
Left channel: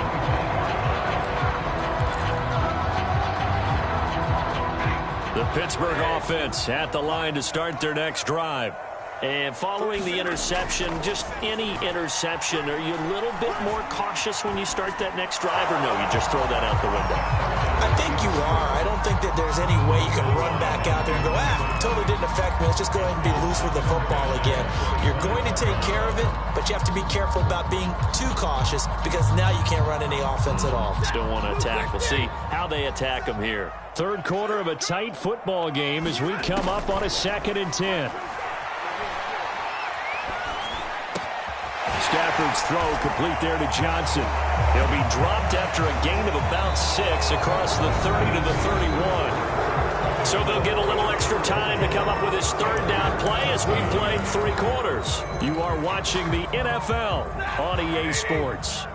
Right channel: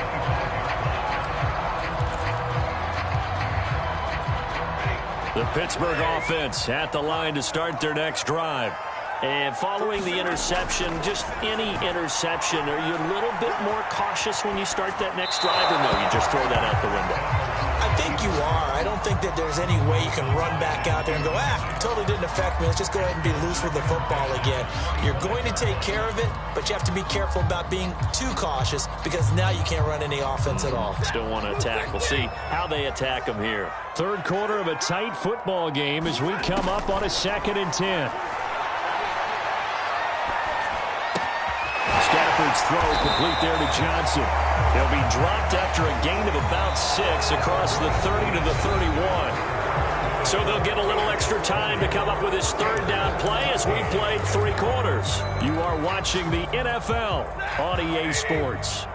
The Pittsburgh offense at the line to start their next drive. And following the interception, just any interception, are you a little bit more cautious when you start that next drive, or no, you just throw that out the window? I think you are. I don't think that there's any way you can run back out there and go, totally didn't affect me. Let's just go ahead and be loose with the football again. You're going to take care of it, but you have to be careful about being too cautious because now you can't run any offense at all. Still want to attack. We'll see how they attack them here. Third quarter of a tight football game as we come up on a 2nd and 10. Stafford's throw complete there to Johnson. He'll be dropped after a gain of about 6 across the 30 to the 31. So they'll get a little extra time to come up with his third down play as we played 3 quarters. You are watching the NFL on EA Sports.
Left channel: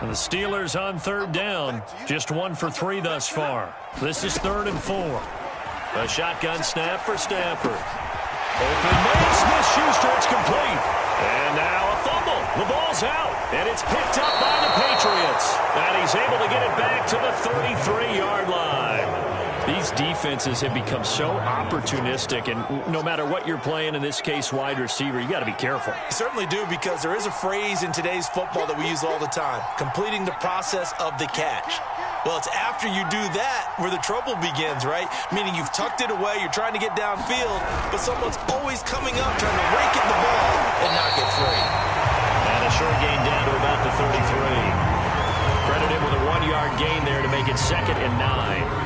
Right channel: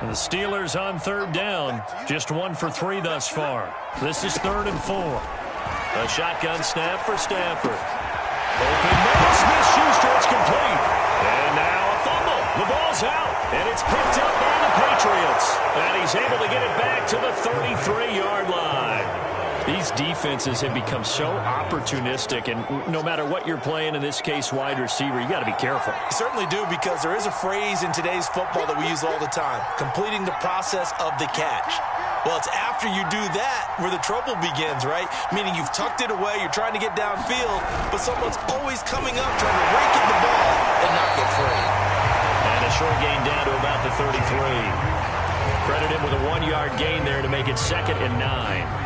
And the Steelers on third down, just 1 for 3 thus far. This is 3rd and 4. A shotgun snap for Stafford. Open man, Smith-Schuster, it's complete. And now a fumble. The ball's out, and it's picked up by the Patriots. And he's able to get it back to the 33-yard line. These defenses have become so opportunistic, and no matter what you're playing, in this case wide receiver, you got to be careful. You certainly do, because there is a phrase in today's football that we use all the time, completing the process of the catch. Well, it's after you do that where the trouble begins, right? Meaning you've tucked it away, you're trying to get downfield, but someone's always coming up trying to rake at the ball and not get free. And a short gain down to about the 33. Credit him with a 1-yard gain there to make it 2nd and 9.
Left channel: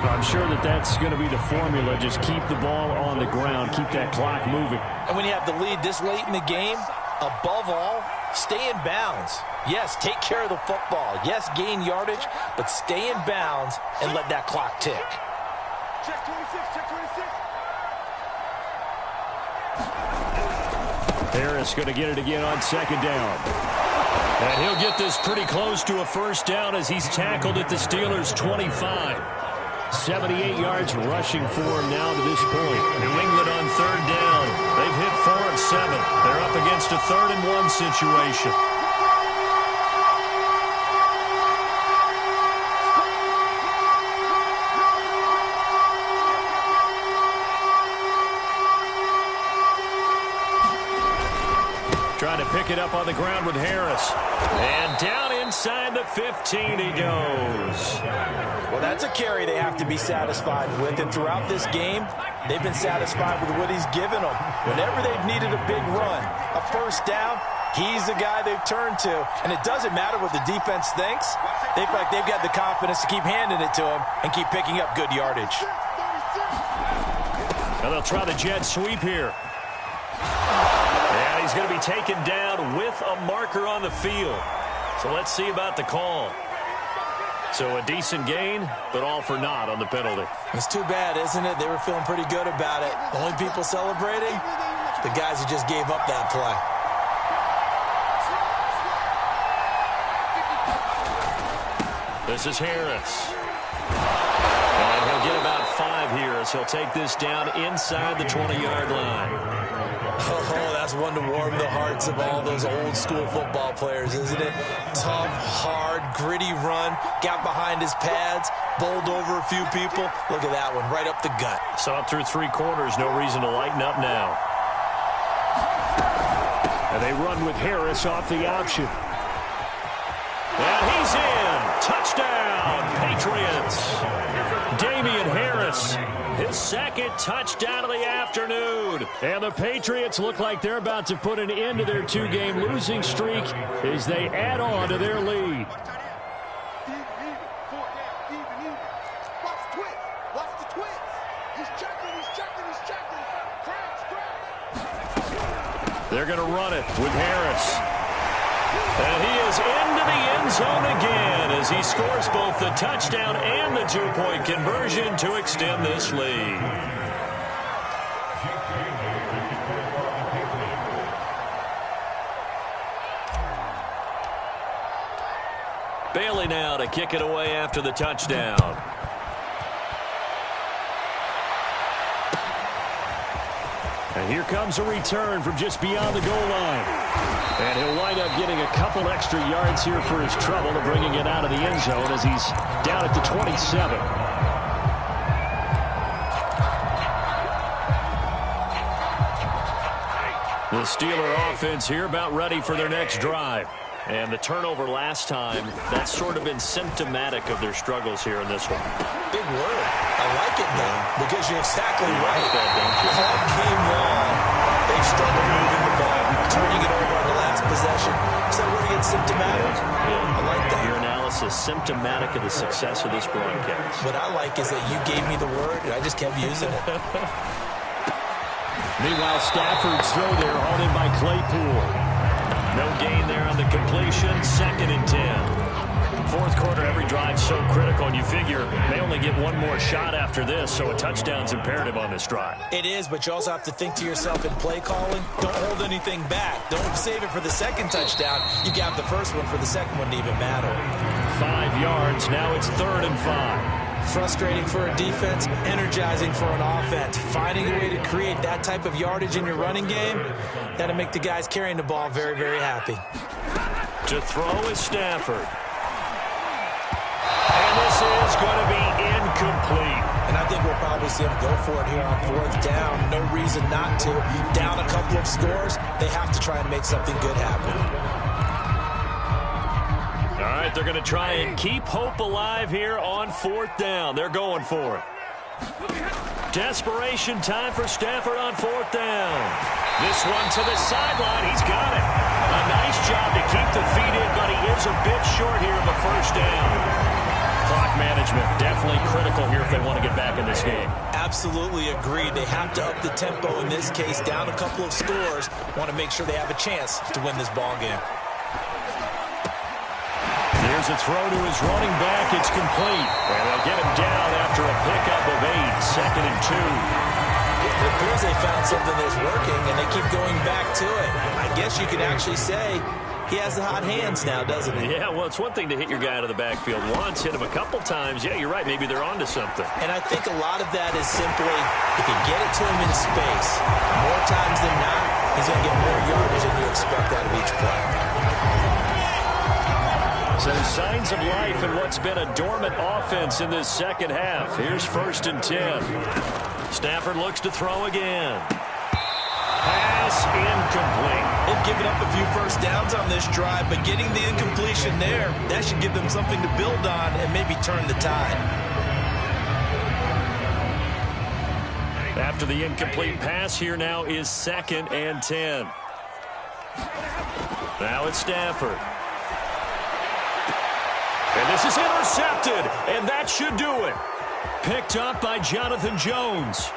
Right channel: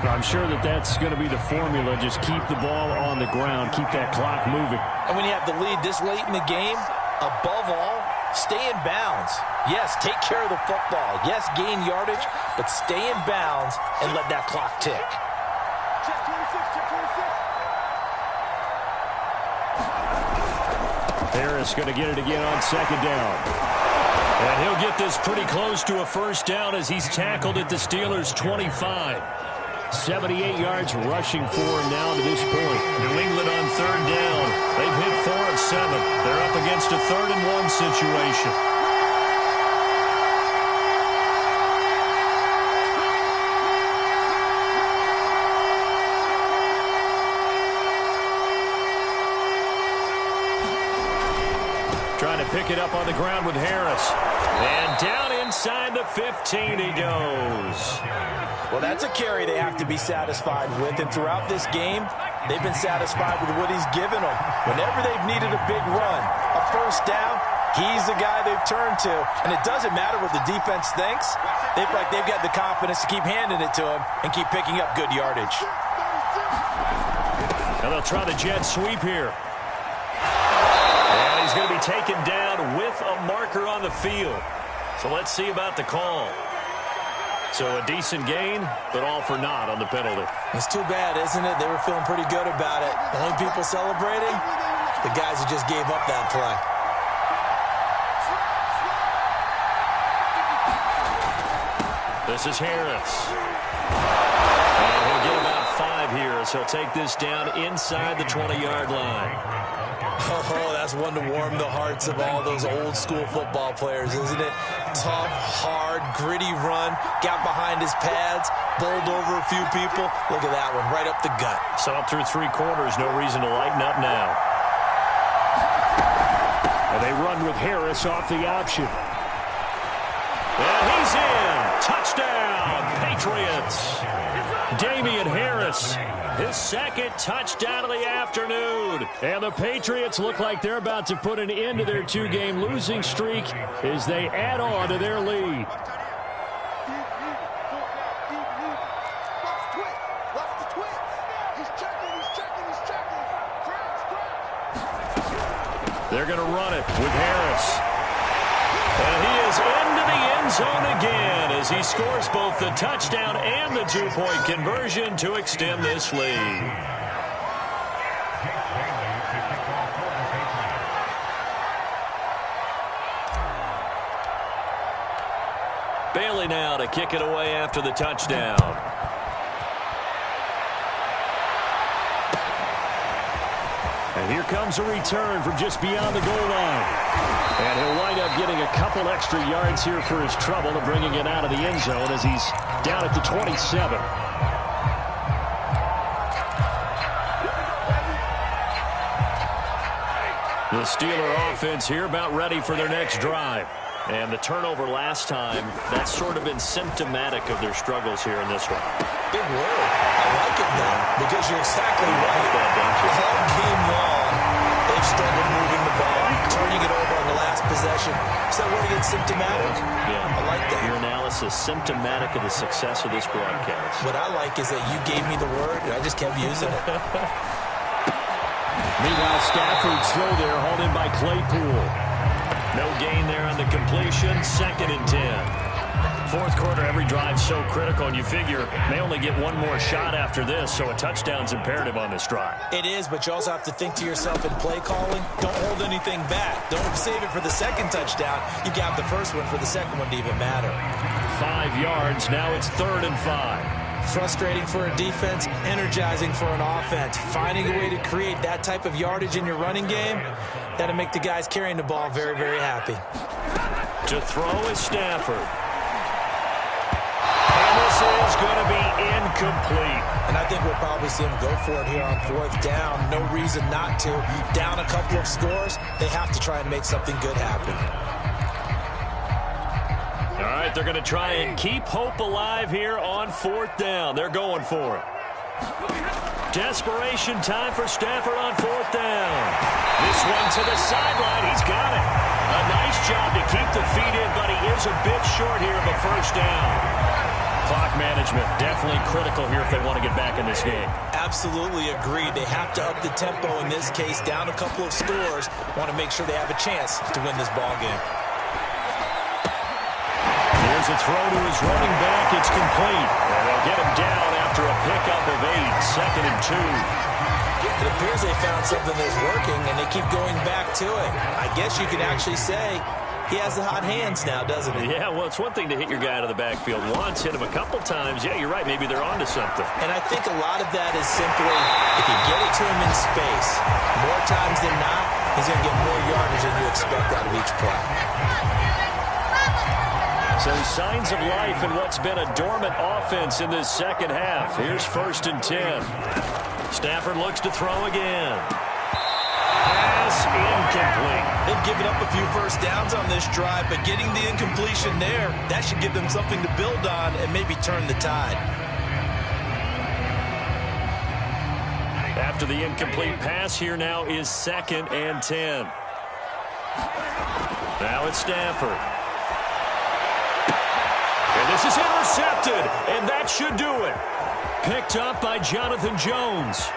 I'm sure that that's going to be the formula. Just keep the ball on the ground. Keep that clock moving. And when you have the lead this late in the game, above all, stay in bounds. Yes, take care of the football. Yes, gain yardage, but stay in bounds and let that clock tick. Check 26, check 26. Harris going to get it again on 2nd down. And he'll get this pretty close to a first down as he's tackled at the Steelers' 25. 78 yards rushing for him now to this point. New England on third down. They've hit 4 of 7. They're up against a 3rd and 1 situation. Trying to pick it up on the ground with Harris. And down inside the 15 he goes. Well, that's a carry they have to be satisfied with. And throughout this game, they've been satisfied with what he's given them. Whenever they've needed a big run, a first down, he's the guy they've turned to. And it doesn't matter what the defense thinks. They feel like they've got the confidence to keep handing it to him and keep picking up good yardage. Now they'll try the jet sweep here. And he's going to be taken down with a marker on the field. So let's see about the call. So a decent gain, but all for naught on the penalty. It's too bad, isn't it? They were feeling pretty good about it. The only people celebrating, the guys who just gave up that play. This is Harris. And he'll get about 5 here as he'll take this down inside the 20-yard line. Oh, that's one to warm the hearts of all those old-school football players, isn't it? Tough, hard, gritty run, got behind his pads, bowled over a few people. Look at that one, right up the gut. Saw it through 3 quarters, no reason to lighten up now. And they run with Harris off the option. And he's in. Touchdown, Patriots. Damian Harris, his second touchdown of the afternoon. And the Patriots look like they're about to put an end to their 2-game losing streak as they add on to their lead. Watch the twist. He's checking. They're going to run it with Harris. And he is into the end zone again as he scores both the touchdown and the 2-point conversion to extend this lead. Bailey now to kick it away after the touchdown. And here comes a return from just beyond the goal line. And he'll wind up getting a couple extra yards here for his trouble and bringing it out of the end zone as he's down at the 27. The Steeler offense here about ready for their next drive. And the turnover last time, that's sort of been symptomatic of their struggles here in this one. Big word. I like it now because you're exactly right. Like that, don't you? All game long, they've struggled moving the ball, turning it over on the last possession. Is that word again, symptomatic? Yeah. I like that. Your analysis, symptomatic of the success of this broadcast. What I like is that you gave me the word, and I just kept using it. Meanwhile, Stafford's throw there hauled in by Claypool. No gain there on the completion. 2nd and 10. Fourth quarter, every drive so critical, and you figure they only get one more shot after this, so a touchdown's imperative on this drive. It is, but you also have to think to yourself in play calling, don't hold anything back. Don't save it for the second touchdown. You got the first one for the second one to even matter. 5 yards. Now it's 3rd and 5. Frustrating for a defense, energizing for an offense. Finding a way to create that type of yardage in your running game, that'll make the guys carrying the ball very, very happy. To throw is Stafford. And this is going to be incomplete. And I think we'll probably see them go for it here on 4th down. No reason not to. Down a couple of scores, they have to try and make something good happen. All right, they're going to try and keep hope alive here on 4th down. They're going for it. Desperation time for Stafford on 4th down. This one to the sideline. He's got it. A nice job to keep the feet in, but he is a bit short here of a first down. Clock management definitely critical here if they want to get back in this game. Absolutely agreed. They have to up the tempo in this case. Down a couple of scores. Want to make sure they have a chance to win this ball game. Here's a throw to his running back. It's complete. And they'll get him down after a pickup of 8. 2nd and 2. It appears they found something that's working, and they keep going back to it. I guess you could actually say he has the hot hands now, doesn't he? Yeah, well, it's one thing to hit your guy out of the backfield once, hit him a couple times. Yeah, you're right. Maybe they're onto something. And I think a lot of that is simply if you get it to him in space, more times than not, he's going to get more yardage than you expect out of each play. So signs of life in what's been a dormant offense in this second half. Here's 1st and 10. Stafford looks to throw again. Pass incomplete. They've given up a few first downs on this drive, but getting the incompletion there, that should give them something to build on and maybe turn the tide. After the incomplete pass, here now is 2nd and 10. Now it's Stafford. And this is intercepted, and that should do it. Picked up by Jonathan Jones.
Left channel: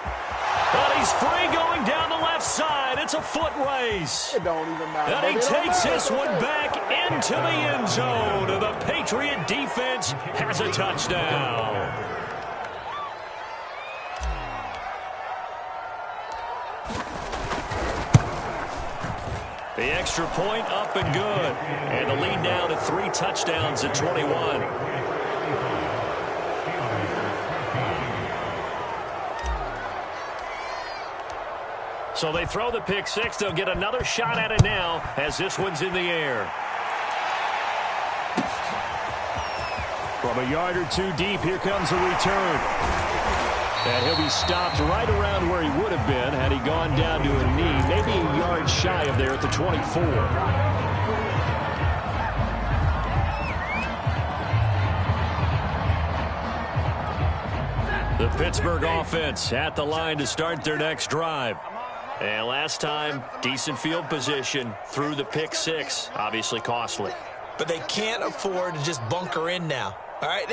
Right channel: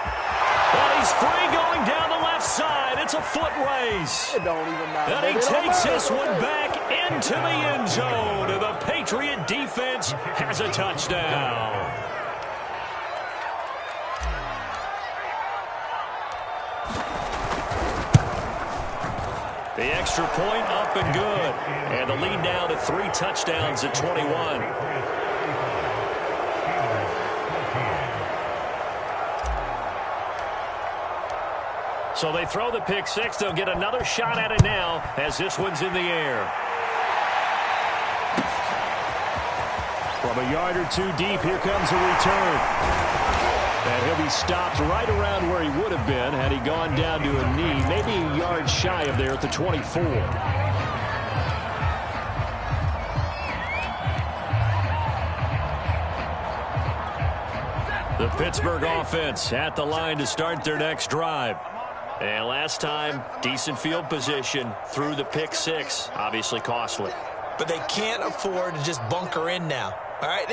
And he's free going down the left side. It's a foot race. It don't even matter. And he takes this one back into the end zone. And the Patriot defense has a touchdown. The extra point up and good. And the lead now to 3 touchdowns at 21. So they throw the pick six. They'll get another shot at it now as this one's in the air. From a yard or two deep, here comes a return. And he'll be stopped right around where he would have been had he gone down to a knee, maybe a yard shy of there at the 24. The Pittsburgh offense at the line to start their next drive. And last time, decent field position through the pick six. Obviously costly. But they can't afford to just bunker in now. All right,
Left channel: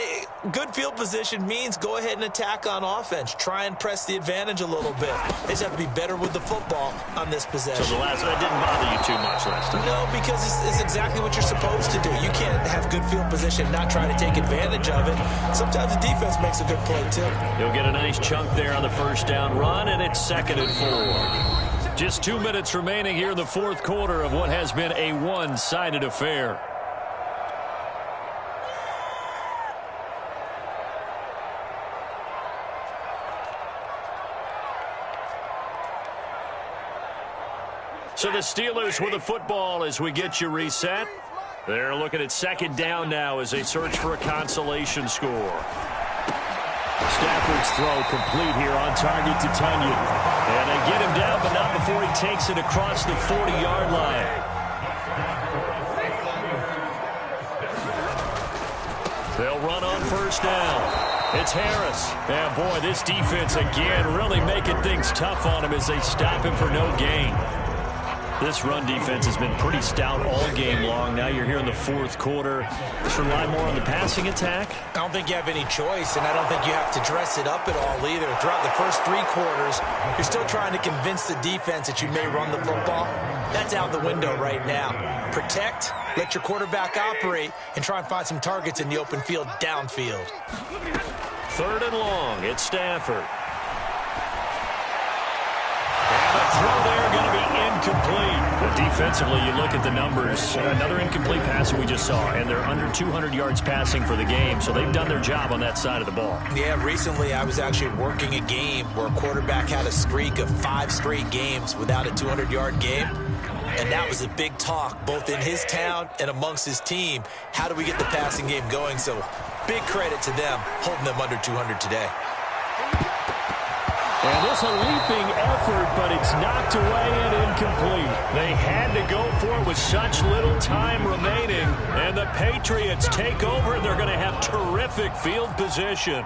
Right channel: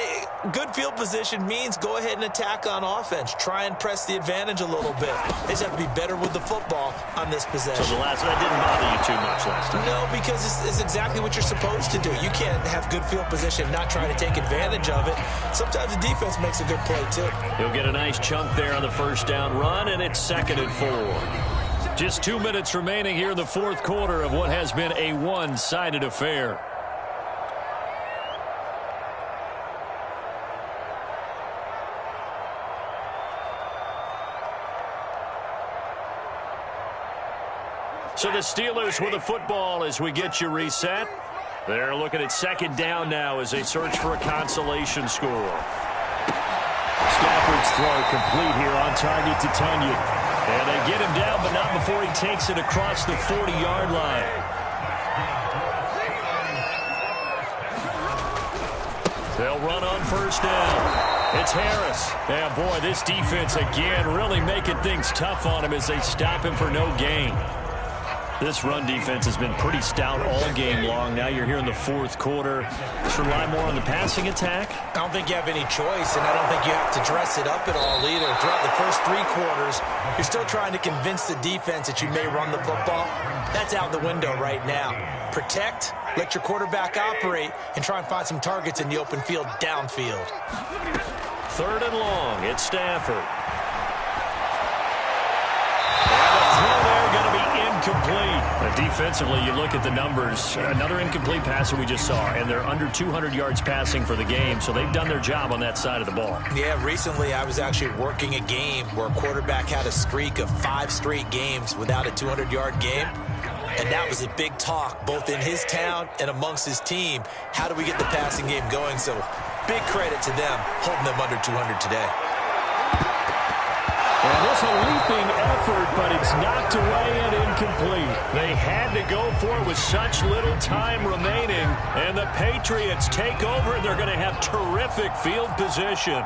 good field position means go ahead and attack on offense. Try and press the advantage a little bit. They just have to be better with the football on this possession. So that didn't bother you too much last time? No, because it's exactly what you're supposed to do. You can't have good field position and not try to take advantage of it. Sometimes the defense makes a good play, too. He'll get a nice chunk there on the first down run, and it's 2nd and 4. Just 2 minutes remaining here in the fourth quarter of what has been a one-sided affair. So the Steelers with the football as we get you reset. They're looking at 2nd down now as they search for a consolation score. Stafford's throw complete here on target to Tunyon. And they get him down, but not before he takes it across the 40-yard line. They'll run on first down. It's Harris. And boy, this defense again really making things tough on him as they stop him for no gain. This run defense has been pretty stout all game long. Now you're here in the fourth quarter. Should rely more on the passing attack? I don't think you have any choice, and I don't think you have to dress it up at all either. Throughout the first 3 quarters, you're still trying to convince the defense that you may run the football. That's out the window right now. Protect, let your quarterback operate, and try and find some targets in the open field downfield. 3rd and long. It's Stafford. And the throw there going to be incomplete. But defensively, you look at the numbers. Another incomplete pass that we just saw, and they're under 200 yards passing for the game, so they've done their job on that side of the ball. Yeah, recently I was actually working a game where a quarterback had a streak of 5 straight games without a 200-yard game. And that was a big talk, both in his town and amongst his team. How do we get the passing game going? So big credit to them, holding them under 200 today. And this a leaping effort, but it's knocked away and incomplete. They had to go for it with such little time remaining. And the Patriots take over, and they're going to have terrific field position.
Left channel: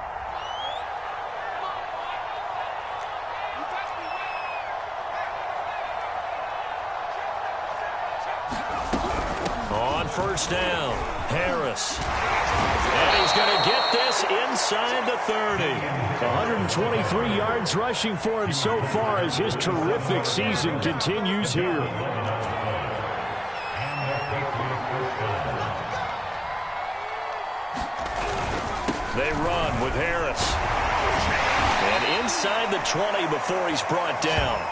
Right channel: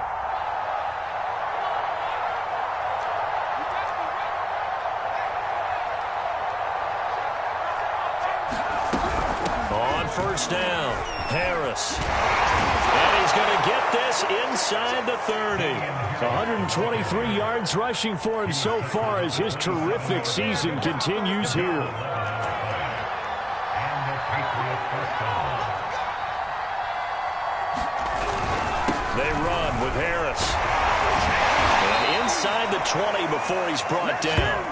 On first down, Harris. And he's going to get this inside the 30. 123 yards rushing for him so far as his terrific season continues here. They run with Harris. And inside the 20 before he's brought down.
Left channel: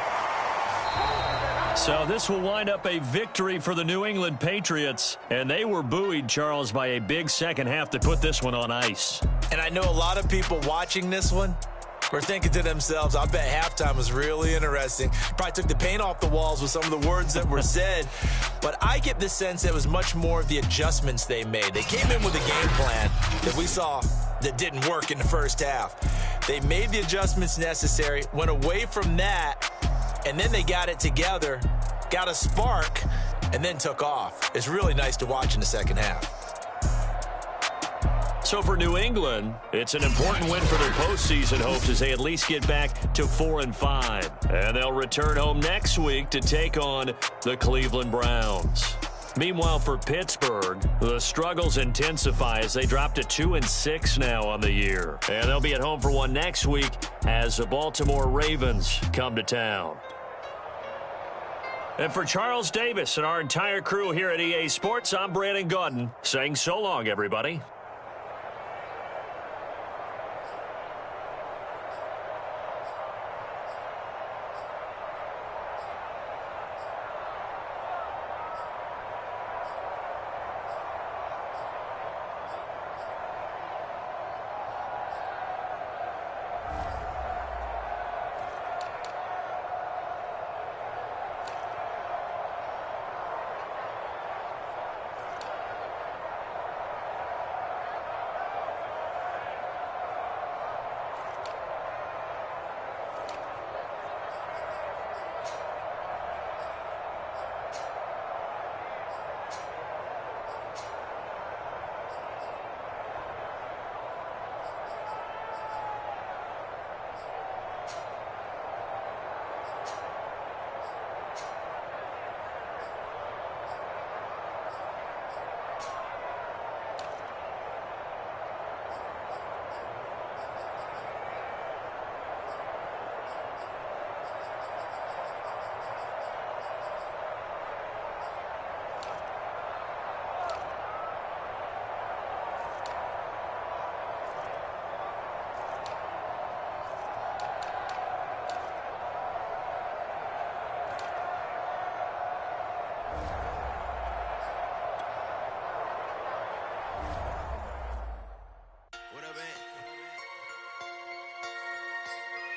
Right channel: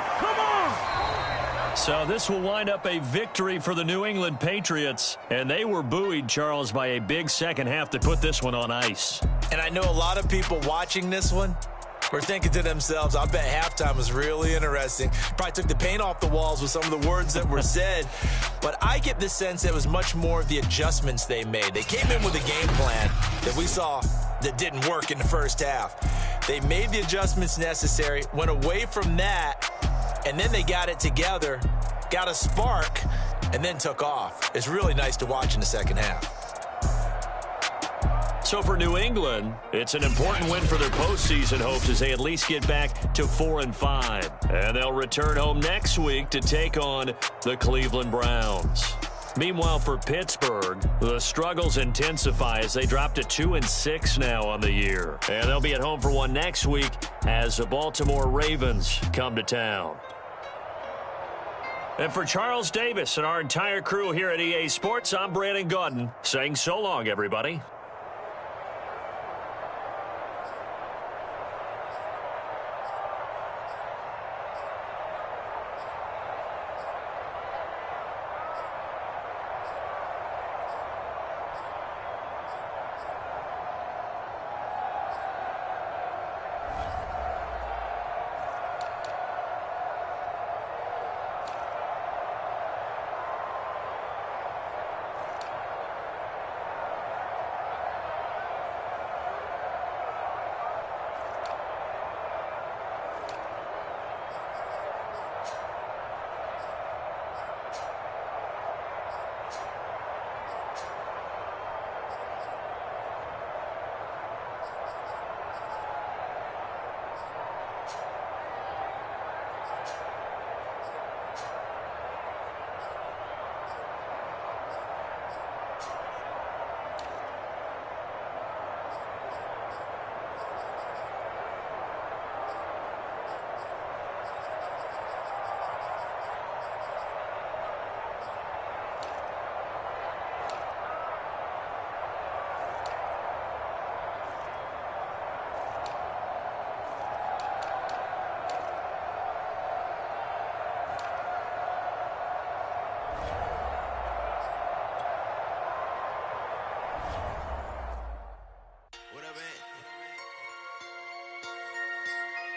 So this will wind up a victory for the New England Patriots. And they were buoyed, Charles, by a big second half to put this one on ice. And I know a lot of people watching this one were thinking to themselves, I bet halftime was really interesting. Probably took the paint off the walls with some of the words that were said. But I get the sense it was much more of the adjustments they made. They came in with a game plan that we saw that didn't work in the first half. They made the adjustments necessary, went away from that, and then they got it together got a spark, and then took off. It's really nice to watch in the second half. So for New England, it's an important win for their postseason hopes as they at least get back to 4-5. And they'll return home next week to take on the Cleveland Browns. Meanwhile, for Pittsburgh, the struggles intensify as they drop to 2-6 now on the year. And they'll be at home for one next week as the Baltimore Ravens come to town. And for Charles Davis and our entire crew here at EA Sports, I'm Brandon Gaudin saying so long, everybody.